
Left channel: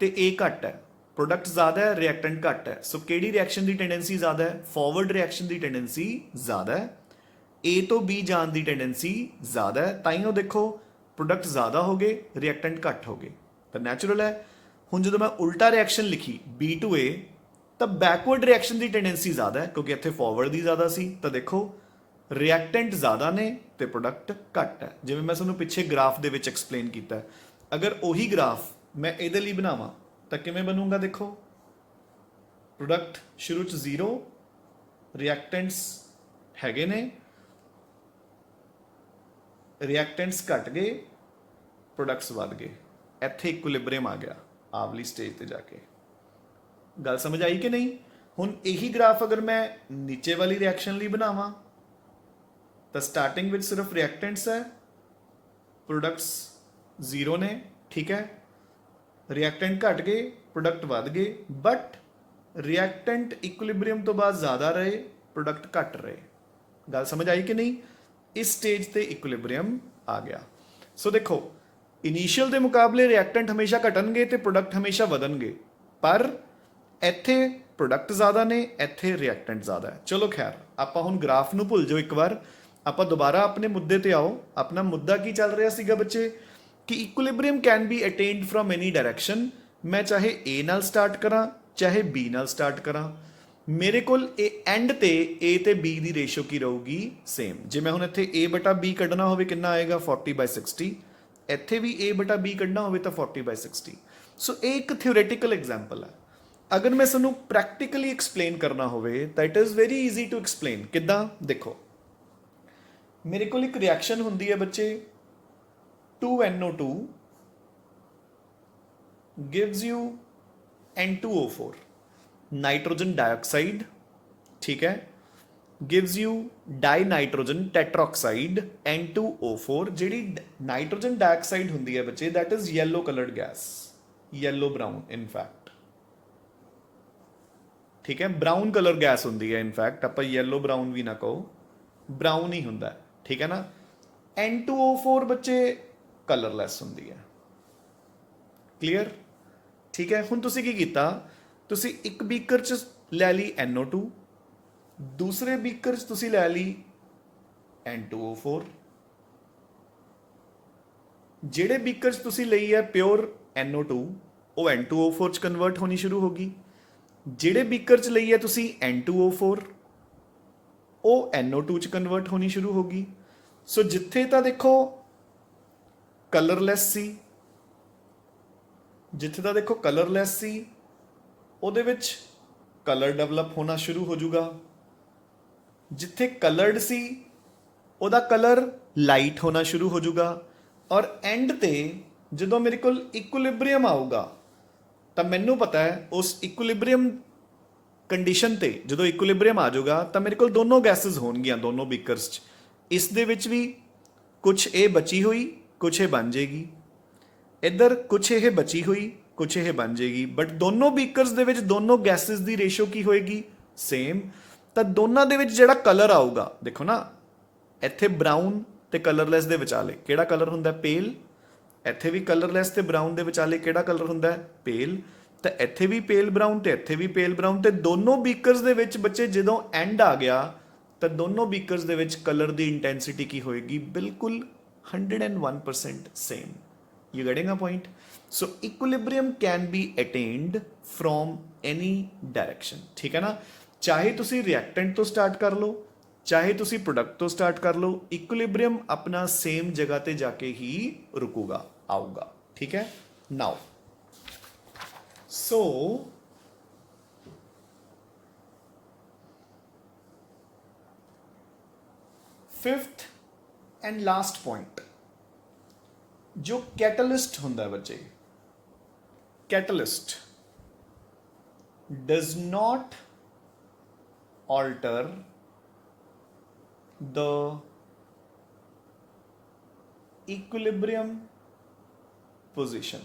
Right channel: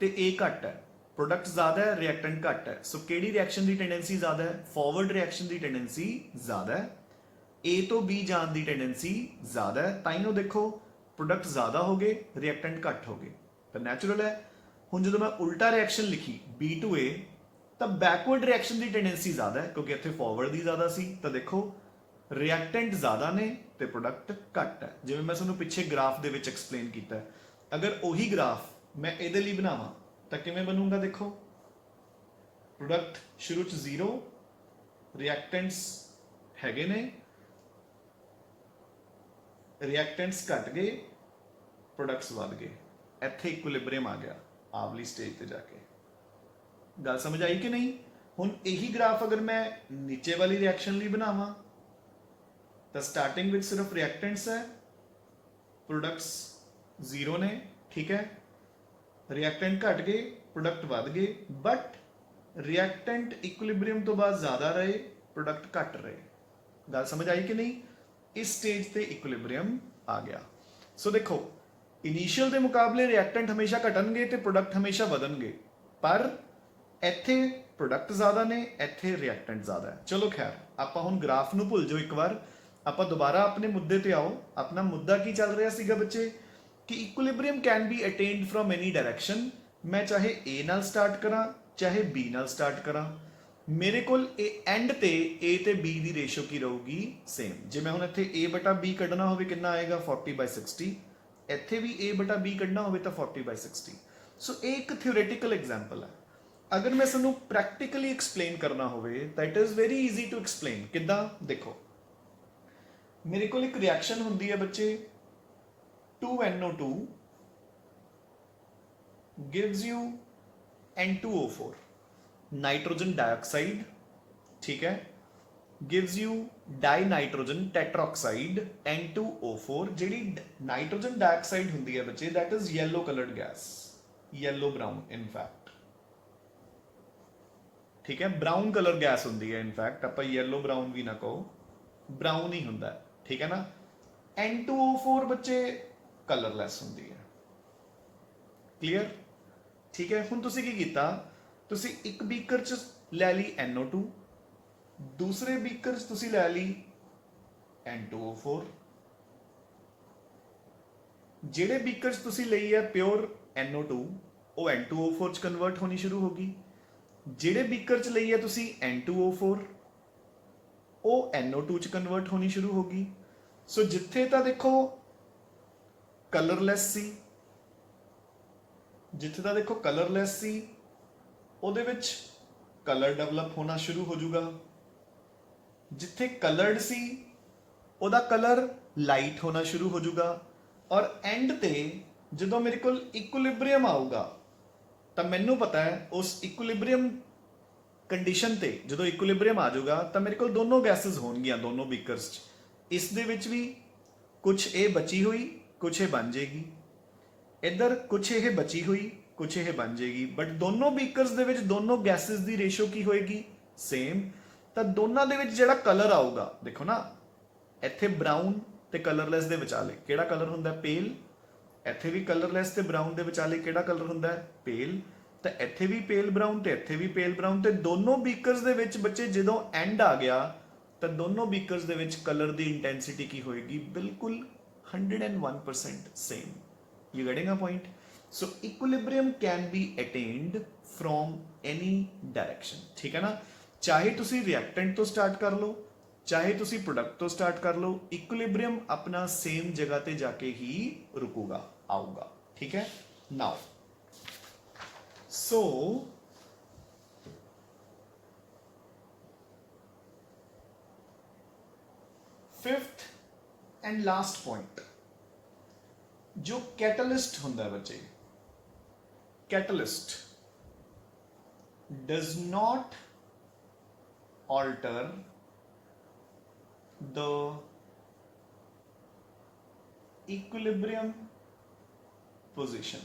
ਤੇ A ਘੱਟ ਹੈ, ਪ੍ਰੋਡਕਟ ਜ਼ਿਆਦਾ ਹੈ, ਰਿਐਕਟੈਂਟ ਘੱਟ ਹੈ। ਸੋ ਕਿਹੜੀ ਰਿਐਕਸ਼ਨ ਦੀ ਟੈਂਡੈਂਸੀ ਜ਼ਿਆਦਾ ਹੈ? ਫਾਰਵਰਡ ਰਿਐਕਸ਼ਨ ਦੀ ਟੈਂਡੈਂਸੀ ਜ਼ਿਆਦਾ ਹੈ, A ਤੋਂ B ਜਾਣ ਦੀ ਟੈਂਡੈਂਸੀ ਜ਼ਿਆਦਾ ਹੈ। ਤਾਂ ਹੀ ਉਹ ਦੇਖੋ ਪ੍ਰੋਡਕਟ ਜ਼ਿਆਦਾ ਹੋ ਗਏ, ਰਿਐਕਟੈਂਟ ਘੱਟ ਹੋ ਗਏ, ਤਾਂ ਨੈਚੁਰਲ ਹੈ। ਹੁਣ ਜਦੋਂ ਮੈਂ ਉਲਟਾ ਰਿਐਕਸ਼ਨ ਲਿਖੀ B to A, ਤਾਂ ਬੈਕਵਰਡ ਰਿਐਕਸ਼ਨ ਦੀ ਟੈਂਡੈਂਸੀ ਜ਼ਿਆਦਾ ਹੈ ਕਿਉਂਕਿ ਇੱਥੇ ਫਾਰਵਰਡ ਦੀ ਜ਼ਿਆਦਾ ਸੀ। ਤਾਂ ਦੇਖੋ ਰਿਐਕਟੈਂਟ ਜ਼ਿਆਦਾ ਨੇ ਤੇ ਪ੍ਰੋਡਕਟ ਘੱਟ ਹੈ। ਜਿਵੇਂ ਮੈਂ ਤੁਹਾਨੂੰ ਪਿੱਛੇ ਗ੍ਰਾਫ ਦੇ ਵਿੱਚ ਐਕਸਪਲੇਨ ਕੀਤਾ, ਅਗਰ ਉਹੀ ਗ੍ਰਾਫ ਮੈਂ ਇਹਦੇ ਲਈ ਬਣਾਵਾਂ ਤਾਂ ਕਿਵੇਂ ਬਣੂਗਾ? ਦੇਖੋ ਪ੍ਰੋਡਕਟ ਸ਼ੁਰੂ ਚ 0, ਰਿਐਕਟੈਂਟਸ ਹੈਗੇ ਨੇ, ਰਿਐਕਟੈਂਟਸ ਘਟ ਗਏ, ਪ੍ਰੋਡਕਟਸ ਵੱਧ ਗਏ। ਇੱਥੇ ਇਕੁਇਲਿਬਰੀਅਮ ਆ ਗਿਆ ਆਵਲੀ ਸਟੇਜ ਤੇ ਜਾ ਕੇ। ਗੱਲ ਸਮਝ ਆਈ ਕਿ ਨਹੀਂ? ਹੁਣ ਇਹੀ ਗ੍ਰਾਫ ਅਗਰ ਮੈਂ ਨੀਚੇ ਵਾਲੀ ਰਿਐਕਸ਼ਨ ਲਈ ਬਣਾਵਾਂ ਤਾਂ ਸਟਾਰਟਿੰਗ ਵਿੱਚ ਸਿਰਫ ਰਿਐਕਟੈਂਟਸ ਹੈ, ਪ੍ਰੋਡਕਟਸ 0 ਨੇ, ਠੀਕ ਹੈ। ਰਿਐਕਟੈਂਟ ਘਟ ਗਏ, ਪ੍ਰੋਡਕਟ ਵੱਧ ਗਏ, ਬਟ ਰਿਐਕਟੈਂਟ ਇਕੁਇਲਿਬਰੀਅਮ ਤੋਂ ਬਾਅਦ ਜ਼ਿਆਦਾ ਰਹੇ, ਪ੍ਰੋਡਕਟ ਘਟ ਰਹੇ। ਗੱਲ ਸਮਝ ਆਈ ਕਿ ਨਹੀਂ? ਇਸ ਸਟੇਜ ਤੇ ਇਕੁਇਲਿਬਰੀਅਮ ਆ ਗਿਆ। ਸੋ ਦੇਖੋ ਇਨੀਸ਼ੀਅਲ ਦੇ ਮੁਕਾਬਲੇ ਰਿਐਕਟੈਂਟ ਹਮੇਸ਼ਾ ਘਟਣਗੇ ਤੇ ਪ੍ਰੋਡਕਟ ਹਮੇਸ਼ਾ ਵਧਣਗੇ, ਪਰ ਇੱਥੇ ਪ੍ਰੋਡਕਟ ਜ਼ਿਆਦਾ ਨੇ, ਇੱਥੇ ਰਿਐਕਟੈਂਟ ਜ਼ਿਆਦਾ ਹੈ। ਚਲੋ ਖੈਰ, ਆਪਾਂ ਹੁਣ ਗ੍ਰਾਫ ਨੂੰ ਭੁੱਲ ਜਾਓ ਇੱਕ ਵਾਰ, ਆਪਾਂ ਦੁਬਾਰਾ ਆਪਣੇ ਮੁੱਦੇ ਤੇ ਆਓ। ਆਪਣਾ ਮੁੱਦਾ ਕੀ ਚੱਲ ਰਿਹਾ ਸੀਗਾ ਬੱਚੇ ਕਿ equilibrium can be attained from any direction. ਮੈਂ ਚਾਹੇ A ਨਾਲ ਸਟਾਰਟ ਕਰਾਂ ਚਾਹੇ B ਨਾਲ ਸਟਾਰਟ ਕਰਾਂ, ਮੇਰੇ ਕੋਲ ਇਹ ਐਂਡ ਤੇ A ਤੇ B ਦੀ ਰੇਸ਼ੋ ਕੀ ਰਹੂਗੀ? ਸੇਮ। ਜੇ ਮੈਂ ਹੁਣ ਇੱਥੇ A/B ਕੱਢਣਾ ਹੋਵੇ ਕਿੰਨਾ ਆਏਗਾ? 40/60। ਇੱਥੇ ਵੀ A/B ਕੱਢਣਾ ਹੋਵੇ ਤਾਂ 40/60। ਸੋ ਇਹ ਇੱਕ ਥਿਓਰੈਟੀਕਲ ਐਗਜ਼ਾਮਪਲ ਹੈ। ਅਗਰ ਮੈਂ ਤੁਹਾਨੂੰ ਪ੍ਰੈਕਟੀਕਲੀ ਐਕਸਪਲੇਨ ਕਰਨਾ ਹੋਵੇ ਤਾਂ it is very easy to explain. ਕਿੱਦਾਂ? ਦੇਖੋ ਮੇਰੇ ਕੋਲ ਇੱਕ ਰਿਐਕਸ਼ਨ ਹੁੰਦੀ ਹੈ ਬੱਚੇ, 2NO2 gives you N2O4, nitrogen dioxide, ਠੀਕ ਹੈ, gives you ਡਾਈਨਾਈਟ੍ਰੋਜਨ ਟੈਟਰਾਆਕਸਾਈਡ N2O4। ਜਿਹੜੀ ਨਾਈਟ੍ਰੋਜਨ ਡਾਈਆਕਸਾਈਡ ਹੁੰਦੀ ਹੈ ਬੱਚੇ, that is yellow colored gas, yellow brown in fact, ਠੀਕ ਹੈ। ਬਰਾਊਨ ਕਲਰ ਗੈਸ ਹੁੰਦੀ ਹੈ, ਇਨਫੈਕਟ ਆਪਾਂ yellow brown ਵੀ ਨਾ ਕਹੋ, ਬਰਾਊਨ ਹੀ ਹੁੰਦਾ, ਠੀਕ ਹੈ ਨਾ। N2O4 ਬੱਚੇ ਕਲਰਲੈਸ ਹੁੰਦੀ ਹੈ, ਕਲੀਅਰ? ਠੀਕ ਹੈ। ਹੁਣ ਤੁਸੀਂ ਕੀ ਕੀਤਾ, ਤੁਸੀਂ ਇੱਕ ਬੀਕਰ ਚ ਲੈ ਲਈ NO2, ਦੂਸਰੇ ਬੀਕਰ ਚ ਤੁਸੀਂ ਲੈ ਲਈ N2O4। ਜਿਹੜੇ ਬੀਕਰ ਚ ਤੁਸੀਂ ਲਈ ਹੈ ਪਿਓਰ NO2, ਉਹ N2O4 ਚ ਕਨਵਰਟ ਹੋਣੀ ਸ਼ੁਰੂ ਹੋ ਗਈ। ਜਿਹੜੇ ਬੀਕਰ ਚ ਲਈ ਹੈ ਤੁਸੀਂ N2O4, ਉਹ NO2 ਚ ਕਨਵਰਟ ਹੋਣੀ ਸ਼ੁਰੂ ਹੋ ਗਈ। ਸੋ ਜਿੱਥੇ ਤਾਂ ਦੇਖੋ ਕਲਰਲੈਸ ਸੀ, ਜਿੱਥੇ ਤਾਂ ਦੇਖੋ ਕਲਰਲੈਸ ਸੀ, ਉਹਦੇ ਵਿੱਚ ਕਲਰ ਡਿਵੈਲਪ ਹੋਣਾ ਸ਼ੁਰੂ ਹੋ ਜਾਊਗਾ। ਜਿੱਥੇ ਕਲਰਡ ਸੀ ਉਹਦਾ ਕਲਰ ਲਾਈਟ ਹੋਣਾ ਸ਼ੁਰੂ ਹੋ ਜਾਊਗਾ। ਔਰ ਐਂਡ ਤੇ ਜਦੋਂ ਮੇਰੇ ਕੋਲ ਇਕੁਇਲਿਬਰੀਅਮ ਆਊਗਾ ਤਾਂ ਮੈਨੂੰ ਪਤਾ ਹੈ ਉਸ ਇਕੁਇਲਿਬਰੀਅਮ ਕੰਡੀਸ਼ਨ ਤੇ ਜਦੋਂ ਇਕੁਇਲਿਬਰੀਅਮ ਆ ਜਾਊਗਾ ਤਾਂ ਮੇਰੇ ਕੋਲ ਦੋਨੋਂ ਗੈਸਸ ਹੋਣਗੀਆਂ ਦੋਨੋਂ ਬੀਕਰਸ 'ਚ। ਇਸ ਦੇ ਵਿੱਚ ਵੀ ਕੁਝ ਇਹ ਬਚੀ ਹੋਈ, ਕੁਝ ਇਹ ਬਣ ਜਾਏਗੀ। ਇੱਧਰ ਕੁਝ ਇਹ ਬਚੀ ਹੋਈ, ਕੁਛ ਇਹ ਬਣ ਜਾਏਗੀ, ਬਟ ਦੋਨੋਂ ਬੀਕਰਸ ਦੇ ਵਿੱਚ ਦੋਨੋਂ ਗੈਸਿਸ ਦੀ ਰੇਸ਼ੋ ਕੀ ਹੋਏਗੀ, ਸੇਮ। ਤਾਂ ਦੋਨਾਂ ਦੇ ਵਿੱਚ ਜਿਹੜਾ ਕਲਰ ਆਊਗਾ, ਦੇਖੋ ਨਾ ਇੱਥੇ ਬਰਾਊਨ ਤੇ ਕਲਰਲੈਸ ਦੇ ਵਿਚਾਲੇ ਕਿਹੜਾ ਕਲਰ ਹੁੰਦਾ, ਪੇਲ। ਇੱਥੇ ਵੀ ਕਲਰਲੈਸ ਤੇ ਬਰਾਊਨ ਦੇ ਵਿਚਾਲੇ ਕਿਹੜਾ ਕਲਰ ਹੁੰਦਾ, ਪੇਲ। ਤਾਂ ਇੱਥੇ ਵੀ ਪੇਲ ਬਰਾਊਨ ਤੇ ਇੱਥੇ ਵੀ ਪੇਲ ਬਰਾਊਨ, ਤੇ ਦੋਨੋਂ ਬੀਕਰਸ ਦੇ ਵਿੱਚ ਬੱਚੇ ਜਦੋਂ ਐਂਡ ਆ ਗਿਆ ਤਾਂ ਦੋਨੋਂ ਬੀਕਰਸ ਦੇ ਵਿੱਚ ਕਲਰ ਦੀ ਇੰਟੈਂਸਿਟੀ ਕੀ ਹੋਏਗੀ, ਬਿਲਕੁਲ 101% same. You getting a point? So equilibrium can be attained from any direction, ਠੀਕ ਹੈ ਨਾ। ਚਾਹੇ ਤੁਸੀਂ ਰਿਐਕਟੈਂਟ ਤੋਂ ਸਟਾਰਟ ਕਰ ਲਓ, ਚਾਹੇ ਤੁਸੀਂ ਪ੍ਰੋਡਕਟ ਤੋਂ ਸਟਾਰਟ ਕਰ ਲਓ, ਇਕੁਇਲਿਬਰੀਅਮ ਆਪਣਾ ਸੇਮ ਜਗ੍ਹਾ ਤੇ ਜਾ ਕੇ ਹੀ ਰੁਕੂਗਾ, ਆਊਗਾ, ਠੀਕ ਹੈ। ਨਾਓ ਸੋ ਫਿਫਥ ਐਂਡ ਲਾਸਟ ਪੁਆਇੰਟ, ਜੋ ਕੈਟਲਿਸਟ ਹੁੰਦਾ ਬੱਚੇ, ਕੈਟਲਿਸਟ does not alter the equilibrium position।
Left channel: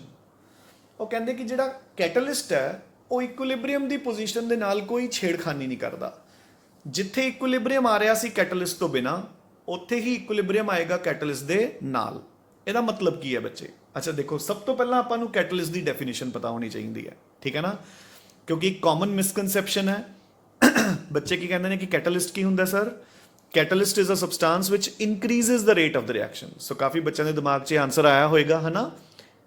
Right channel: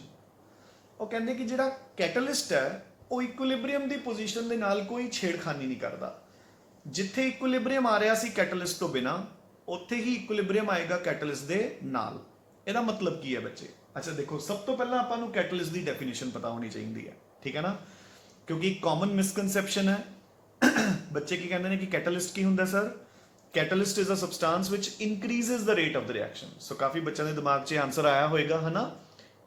ਉਹ ਕਹਿੰਦੇ ਕਿ ਜਿਹੜਾ ਕੈਟਲਿਸਟ ਹੈ ਉਹ ਇਕੁਇਲਿਬਰੀਅਮ ਦੀ ਪੋਜੀਸ਼ਨ ਦੇ ਨਾਲ ਕੋਈ ਛੇੜਖਾਨੀ ਨਹੀਂ ਕਰਦਾ। ਜਿੱਥੇ ਇਕੁਇਲਿਬਰੀਅਮ ਆ ਰਿਹਾ ਸੀ ਕੈਟਲਿਸਟ ਤੋਂ ਬਿਨਾ, ਉੱਥੇ ਹੀ ਇਕੁਇਲਿਬਰੀਅਮ ਆਏਗਾ ਕੈਟਲਿਸਟ ਦੇ ਨਾਲ। ਇਹਦਾ ਮਤਲਬ ਕੀ ਹੈ ਬੱਚੇ? ਅੱਛਾ ਦੇਖੋ, ਸਭ ਤੋਂ ਪਹਿਲਾਂ ਆਪਾਂ ਨੂੰ ਕੈਟਲਿਸਟ ਦੀ ਡੈਫੀਨੇਸ਼ਨ ਪਤਾ ਹੋਣੀ ਚਾਹੀਦੀ ਹੈ, ਠੀਕ ਹੈ ਨਾ, ਕਿਉਂਕਿ ਇੱਕ ਕਾਮਨ ਮਿਸਕਨਸੈਪਸ਼ਨ ਹੈ। ਬੱਚੇ ਕੀ ਕਹਿੰਦੇ ਨੇ ਕਿ ਕੈਟਲਿਸਟ ਕੀ ਹੁੰਦਾ sir? Catalyst is a substance which increases the rate of the reaction. So ਕਾਫੀ ਬੱਚਿਆਂ ਦੇ ਦਿਮਾਗ 'ਚ ਆਨਸਰ ਆਇਆ ਹੋਏਗਾ, ਹੈ ਨਾ,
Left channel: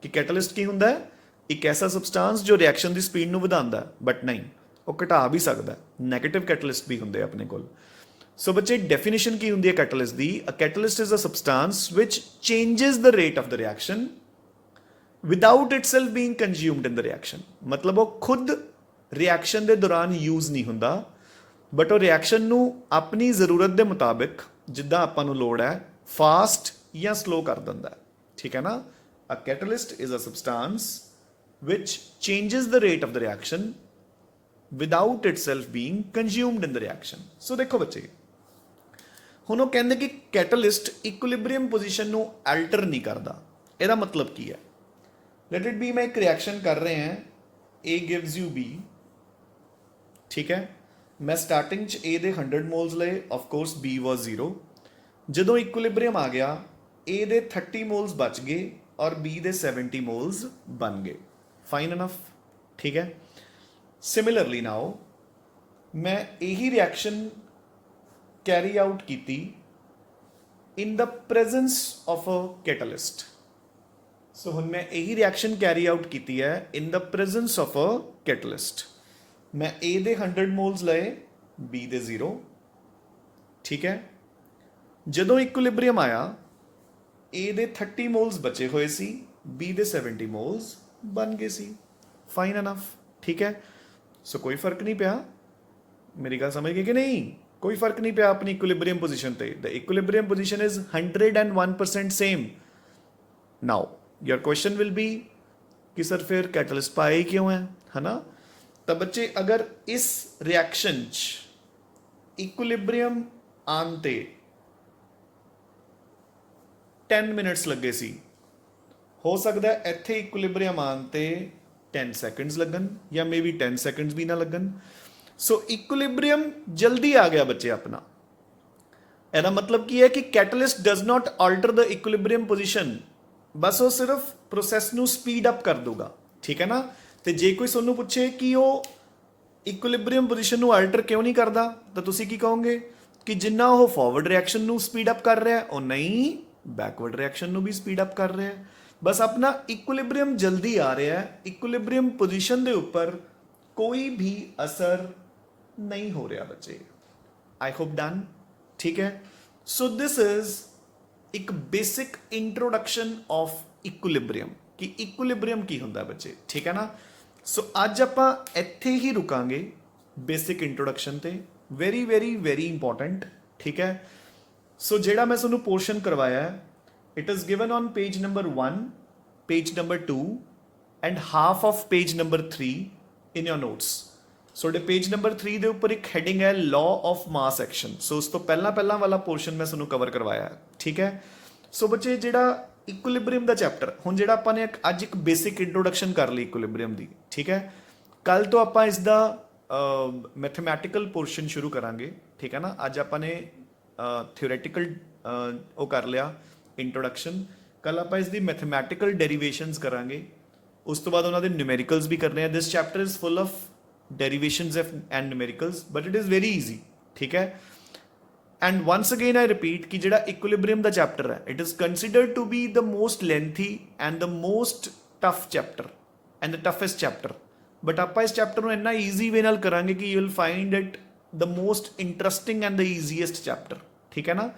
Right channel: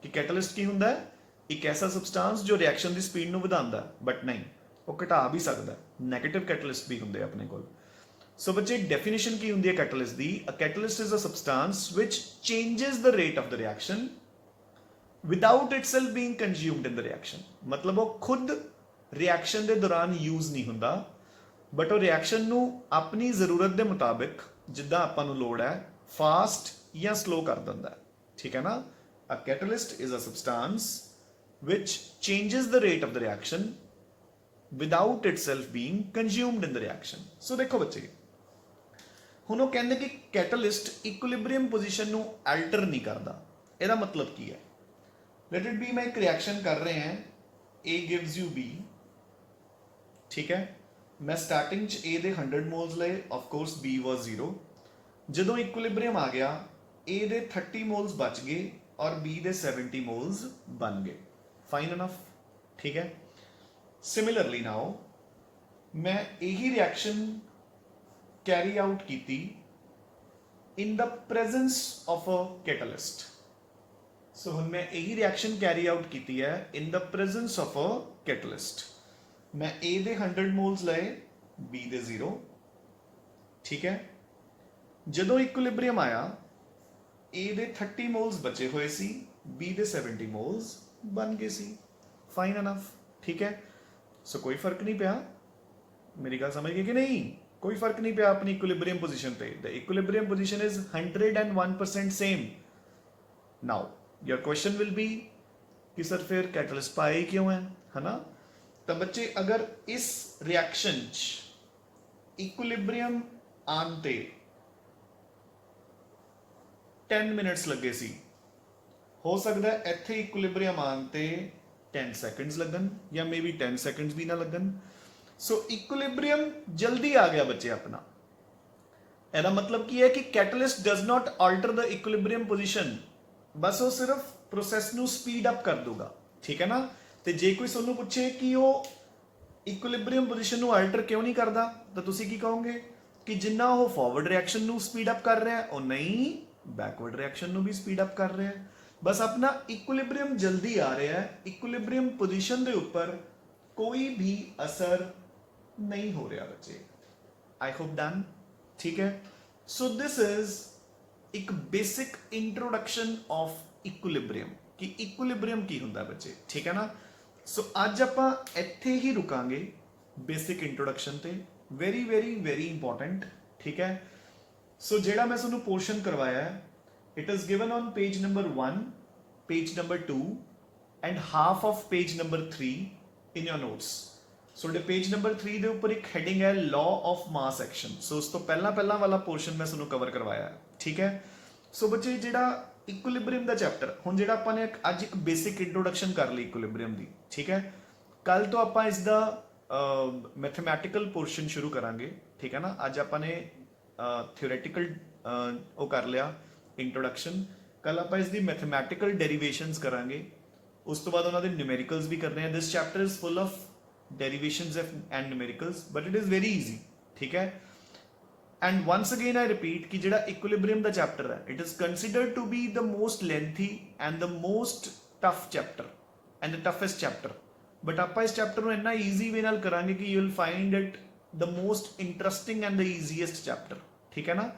ਕਿ ਕੈਟਲਿਸਟ ਕੀ ਹੁੰਦਾ ਹੈ? ਇੱਕ ਐਸਾ ਸਬਸਟੈਂਸ ਜੋ ਰਿਐਕਸ਼ਨ ਦੀ ਸਪੀਡ ਨੂੰ ਵਧਾਉਂਦਾ, ਬਟ ਨਹੀਂ, ਉਹ ਘਟਾ ਵੀ ਸਕਦਾ। ਨੈਗੇਟਿਵ ਕੈਟਲਿਸਟ ਵੀ ਹੁੰਦੇ ਆਪਣੇ ਕੋਲ। ਸੋ ਬੱਚੇ ਡੈਫੀਨੇਸ਼ਨ ਕੀ ਹੁੰਦੀ ਹੈ ਕੈਟਲਿਸਟ ਦੀ? A catalyst is a substance which changes the rate of the reaction without itself being consumed in the reaction. ਮਤਲਬ ਉਹ ਖੁਦ ਰਿਐਕਸ਼ਨ ਦੇ ਦੌਰਾਨ ਯੂਜ਼ ਨਹੀਂ ਹੁੰਦਾ, ਬਟ ਉਹ ਰਿਐਕਸ਼ਨ ਨੂੰ ਆਪਣੀ ਜ਼ਰੂਰਤ ਦੇ ਮੁਤਾਬਿਕ, ਜਿੱਦਾਂ ਆਪਾਂ ਨੂੰ ਲੋੜ ਹੈ, ਫਾਸਟ ਜਾਂ ਸਲੋ ਕਰ ਦਿੰਦਾ, ਠੀਕ ਹੈ ਨਾ। A catalyst is a substance which changes the rate of the reaction without itself being consumed in the reaction. So ਦੇਖੋ ਬੱਚੇ, ਹੁਣ ਉਹ ਕਹਿੰਦੇ ਕਿ ਕੈਟਲਿਸਟ ਇਕੁਇਲਿਬਰੀਅਮ ਪੋਜੀਸ਼ਨ ਨੂੰ ਅਲਟਰ ਨਹੀਂ ਕਰਦਾ। ਇਹਦਾ ਮਤਲਬ ਕੀ ਹੈ? ਲੈਟ ਇਟ ਬੀ, ਮੈਂ ਇੱਕ ਰਿਐਕਸ਼ਨ ਕਰ ਰਹੇ ਹਾਂ, A gives you B, ਠੀਕ ਹੈ। ਮੈਂ ਸਟਾਰਟਿੰਗ 'ਚ A ਦੇ 100 ਮੋਲਸ ਲਏ, ਆਫ ਕੋਰਸ B ਵਾਸ 0। ਜਦੋਂ ਇਕੁਇਲਿਬਰੀਅਮ ਆ ਗਿਆ, A ਦੇ 30 ਮੋਲਸ ਬਚ ਗਏ ਔਰ B ਦੇ 70 ਮੋਲਸ ਬਣ ਗਏ। ਫਾਈਨ ਇਨਫ, ਠੀਕ ਹੈ। ਸਿਮਿਲਰਲੀ ਨਾਓ ਮੈਂ ਇਹੀ ਰਿਐਕਸ਼ਨ ਕੈਰੀ ਆਊਟ ਕੀਤੀ ਇਨ ਦ ਪ੍ਰੈਜ਼ੈਂਸ ਆਫ ਅ ਕੈਟਲਿਸਟ। ਸੋ ਹੁਣ ਮੈਂ ਇਹੀ ਰਿਐਕਸ਼ਨ ਕੈਰੀ ਆਊਟ ਕੀਤੀ ਹੈ ਇਨ ਦ ਪ੍ਰੈਜ਼ੈਂਸ ਆਫ ਅ ਕੈਟਲਿਸਟ। ਮੈਂ A ਦੇ 100 ਮੋਲਸ ਲਏ, B ਦੇ 0, ਠੀਕ ਹੈ। ਜਦੋਂ ਇਕੁਇਲਿਬਰੀਅਮ ਆਇਆ, A ਦੇ 30 ਮੋਲਸ ਬਚੇ ਹੋਏ ਸੀ, B ਦੇ 70 ਮੋਲਸ ਬਣ ਗਏ ਸੀ। ਫਾਈਨ ਇਨਫ, ਠੀਕ ਹੈ। ਸੋ ਕੋਈ ਫਰਕ ਨਹੀਂ ਪਿਆ, ਮੇਰੀ ਗੱਲ ਸਮਝ ਗਏ ਕਿ ਨਹੀਂ? ਕੋਈ ਫਰਕ ਨਹੀਂ ਪਿਆ ਆਪਣੀ ਇਕੁਇਲਿਬਰੀਅਮ ਪੋਜੀਸ਼ਨ ਤੇ। The equilibrium position is 101% same. Now your question will be कि सर फिर कैटलिस्ट पाए ही क्यों है ना। तो बच्चे अगर इस रिएक्शन इक्विलिब्रियम आनते 10 मिनट्स लगे सी, हो सकता है इत्थे इक्विलिब्रियम आनते 10 सेकंड्स लगन या मे बी 10 सेकंड्स भी ना लगन। सो इक्विलिब्रियम जल्दी आ गया बच्चे अपना। ਇਹਦਾ मतलब ਕੀ ਹੈ कि catalyst does not alter the equilibrium position, ਬਸ ਉਹ ਸਿਰਫ ਪ੍ਰੋਸੈਸ ਨੂੰ ਸਪੀਡ ਅਪ ਕਰ ਦੂਗਾ, ਠੀਕ ਹੈ ਨਾ। ਤੇ ਜੇ ਕੋਈ ਤੁਹਾਨੂੰ ਪੁੱਛੇ ਕਿ ਉਹ ਇਕੁਇਲਿਬਰੀਅਮ ਪੋਜੀਸ਼ਨ ਨੂੰ ਆਲਟਰ ਕਿਉਂ ਨਹੀਂ ਕਰਦਾ, ਤਾਂ ਤੁਸੀਂ ਕੀ ਕਹੋਗੇ ਕਿ ਜਿੰਨਾ ਉਹ ਫਾਰਵਰਡ ਰਿਐਕਸ਼ਨ ਨੂੰ ਸਪੀਡ ਅਪ ਕਰ ਰਿਹਾ, ਉਹ ਨਹੀਂ ਬੈਕਵਰਡ ਰਿਐਕਸ਼ਨ ਨੂੰ ਵੀ ਸਪੀਡ ਅਪ ਕਰ ਰਿਹਾ। ਬਸ ਆਪਣਾ ਇਕੁਇਲਿਬਰੀਅਮ ਜਲਦੀ ਆ ਰਿਹਾ ਹੈ, ਇਕੁਇਲਿਬਰੀਅਮ ਪੋਜੀਸ਼ਨ ਦੇ ਉੱਪਰ ਕੋਈ ਵੀ ਅਸਰ ਨਹੀਂ ਹੋ ਰਿਹਾ ਬੱਚੇ। ਆਈ ਹੋਪ ਡਨ, ਠੀਕ ਹੈ। ਸੋ ਦਿਸ ਇਜ਼ ਇੱਕ ਬੇਸਿਕ ਇੰਟਰੋਡਕਸ਼ਨ ਆਫ ਇਕੁਇਲਿਬਰੀਅਮ, ਕਿ ਇਕੁਇਲਿਬਰੀਅਮ ਕੀ ਹੁੰਦਾ ਬੱਚੇ, ਠੀਕ ਹੈ ਨਾ। ਸੋ ਅੱਜ ਆਪਾਂ ਇੱਥੇ ਹੀ ਰੁਕਾਂਗੇ ਬੇਸਿਕ ਇੰਟਰੋਡਕਸ਼ਨ ਤੇ। ਵੈਰੀ ਵੈਰੀ ਵੈਰੀ ਇੰਪੋਰਟੈਂਟ, ਠੀਕ ਹੈ। ਸੋ ਜਿਹੜਾ ਮੈਂ ਤੁਹਾਨੂੰ ਪੋਰਸ਼ਨ ਕਰਵਾਇਆ ਹੈ, it is given on page number 1, page number 2 and half of page number 3 in your notes. ਤੁਹਾਡੇ ਪੇਜ ਨੰਬਰ 3 ਦੇ ਉੱਪਰ ਇੱਕ ਹੈਡਿੰਗ ਹੈ ਲਾਅ ਆਫ ਮਾਸ ਐਕਸ਼ਨ। ਸੋ ਉਸ ਤੋਂ ਪਹਿਲਾਂ ਵਾਲਾ ਪੋਰਸ਼ਨ ਮੈਂ ਤੁਹਾਨੂੰ ਕਵਰ ਕਰਵਾਇਆ ਹੈ, ਠੀਕ ਹੈ। ਸੋ ਬੱਚੇ ਜਿਹੜਾ ਇਕੁਇਲਿਬ੍ਰੀਅਮ ਦਾ ਚੈਪਟਰ ਹੁਣ ਜਿਹੜਾ ਆਪਾਂ ਨੇ ਅੱਜ ਇੱਕ ਬੇਸਿਕ ਇੰਟਰੋਡਕਸ਼ਨ ਕਰ ਲਈ ਇਕੁਇਲਿਬ੍ਰੀਅਮ ਦੀ, ਠੀਕ ਹੈ। ਕੱਲ ਤੋਂ ਆਪਾਂ ਇਸ ਦਾ ਮੈਥਮੈਟੀਕਲ ਪੋਰਸ਼ਨ ਸ਼ੁਰੂ ਕਰਾਂਗੇ, ਠੀਕ ਹੈ ਨਾ। ਅੱਜ ਆਪਾਂ ਨੇ ਥਿਓਰੈਟੀਕਲ ਉਹ ਕਰ ਲਿਆ ਇੰਟਰੋਡਕਸ਼ਨ, ਕੱਲ ਆਪਾਂ ਇਸ ਦੀ ਮੈਥਮੈਟੀਕਲ ਡੈਰੀਵੇਸ਼ਨਸ ਕਰਾਂਗੇ, ਉਸ ਤੋਂ ਬਾਅਦ ਉਹਨਾਂ ਦੇ ਨਿਊਮੈਰੀਕਲਸ ਵੀ ਕਰਨੇ ਆ। This chapter is full of derivations and numericals but it is very easy, ਠੀਕ ਹੈ। And once again I repeat ਕਿ ਜਿਹੜਾ ਇਕੁਇਲਿਬ੍ਰੀਅਮ ਦਾ ਚੈਪਟਰ ਹੈ it is considered to be the most lengthy and the most tough chapter and the toughest chapter, but ਆਪਾਂ ਇਸ chapter ਨੂੰ ਇੰਨਾ ਈਜ਼ੀ ਵੇ ਨਾਲ ਕਰਾਂਗੇ ਕਿ you will find it the most interesting and the easiest chapter, ਠੀਕ ਹੈ ਨਾ।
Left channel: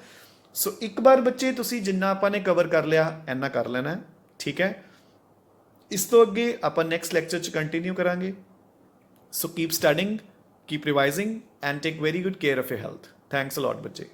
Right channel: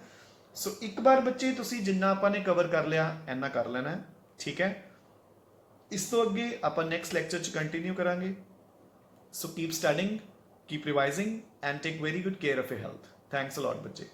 ਸੋ ਇੱਕ ਵਾਰ ਬੱਚੇ ਤੁਸੀਂ ਜਿੰਨਾ ਆਪਾਂ ਨੇ ਕਵਰ ਕਰ ਲਿਆ ਇੰਨਾ ਕਰ ਲੈਣਾ, ਠੀਕ ਹੈ। ਇਸ ਤੋਂ ਅੱਗੇ ਆਪਾਂ ਨੈਕਸਟ ਲੈਕਚਰ 'ਚ ਕੰਟੀਨਿਊ ਕਰਾਂਗੇ। So keep studying, keep revising and take very good care of your health. Thanks a lot ਬੱਚੇ।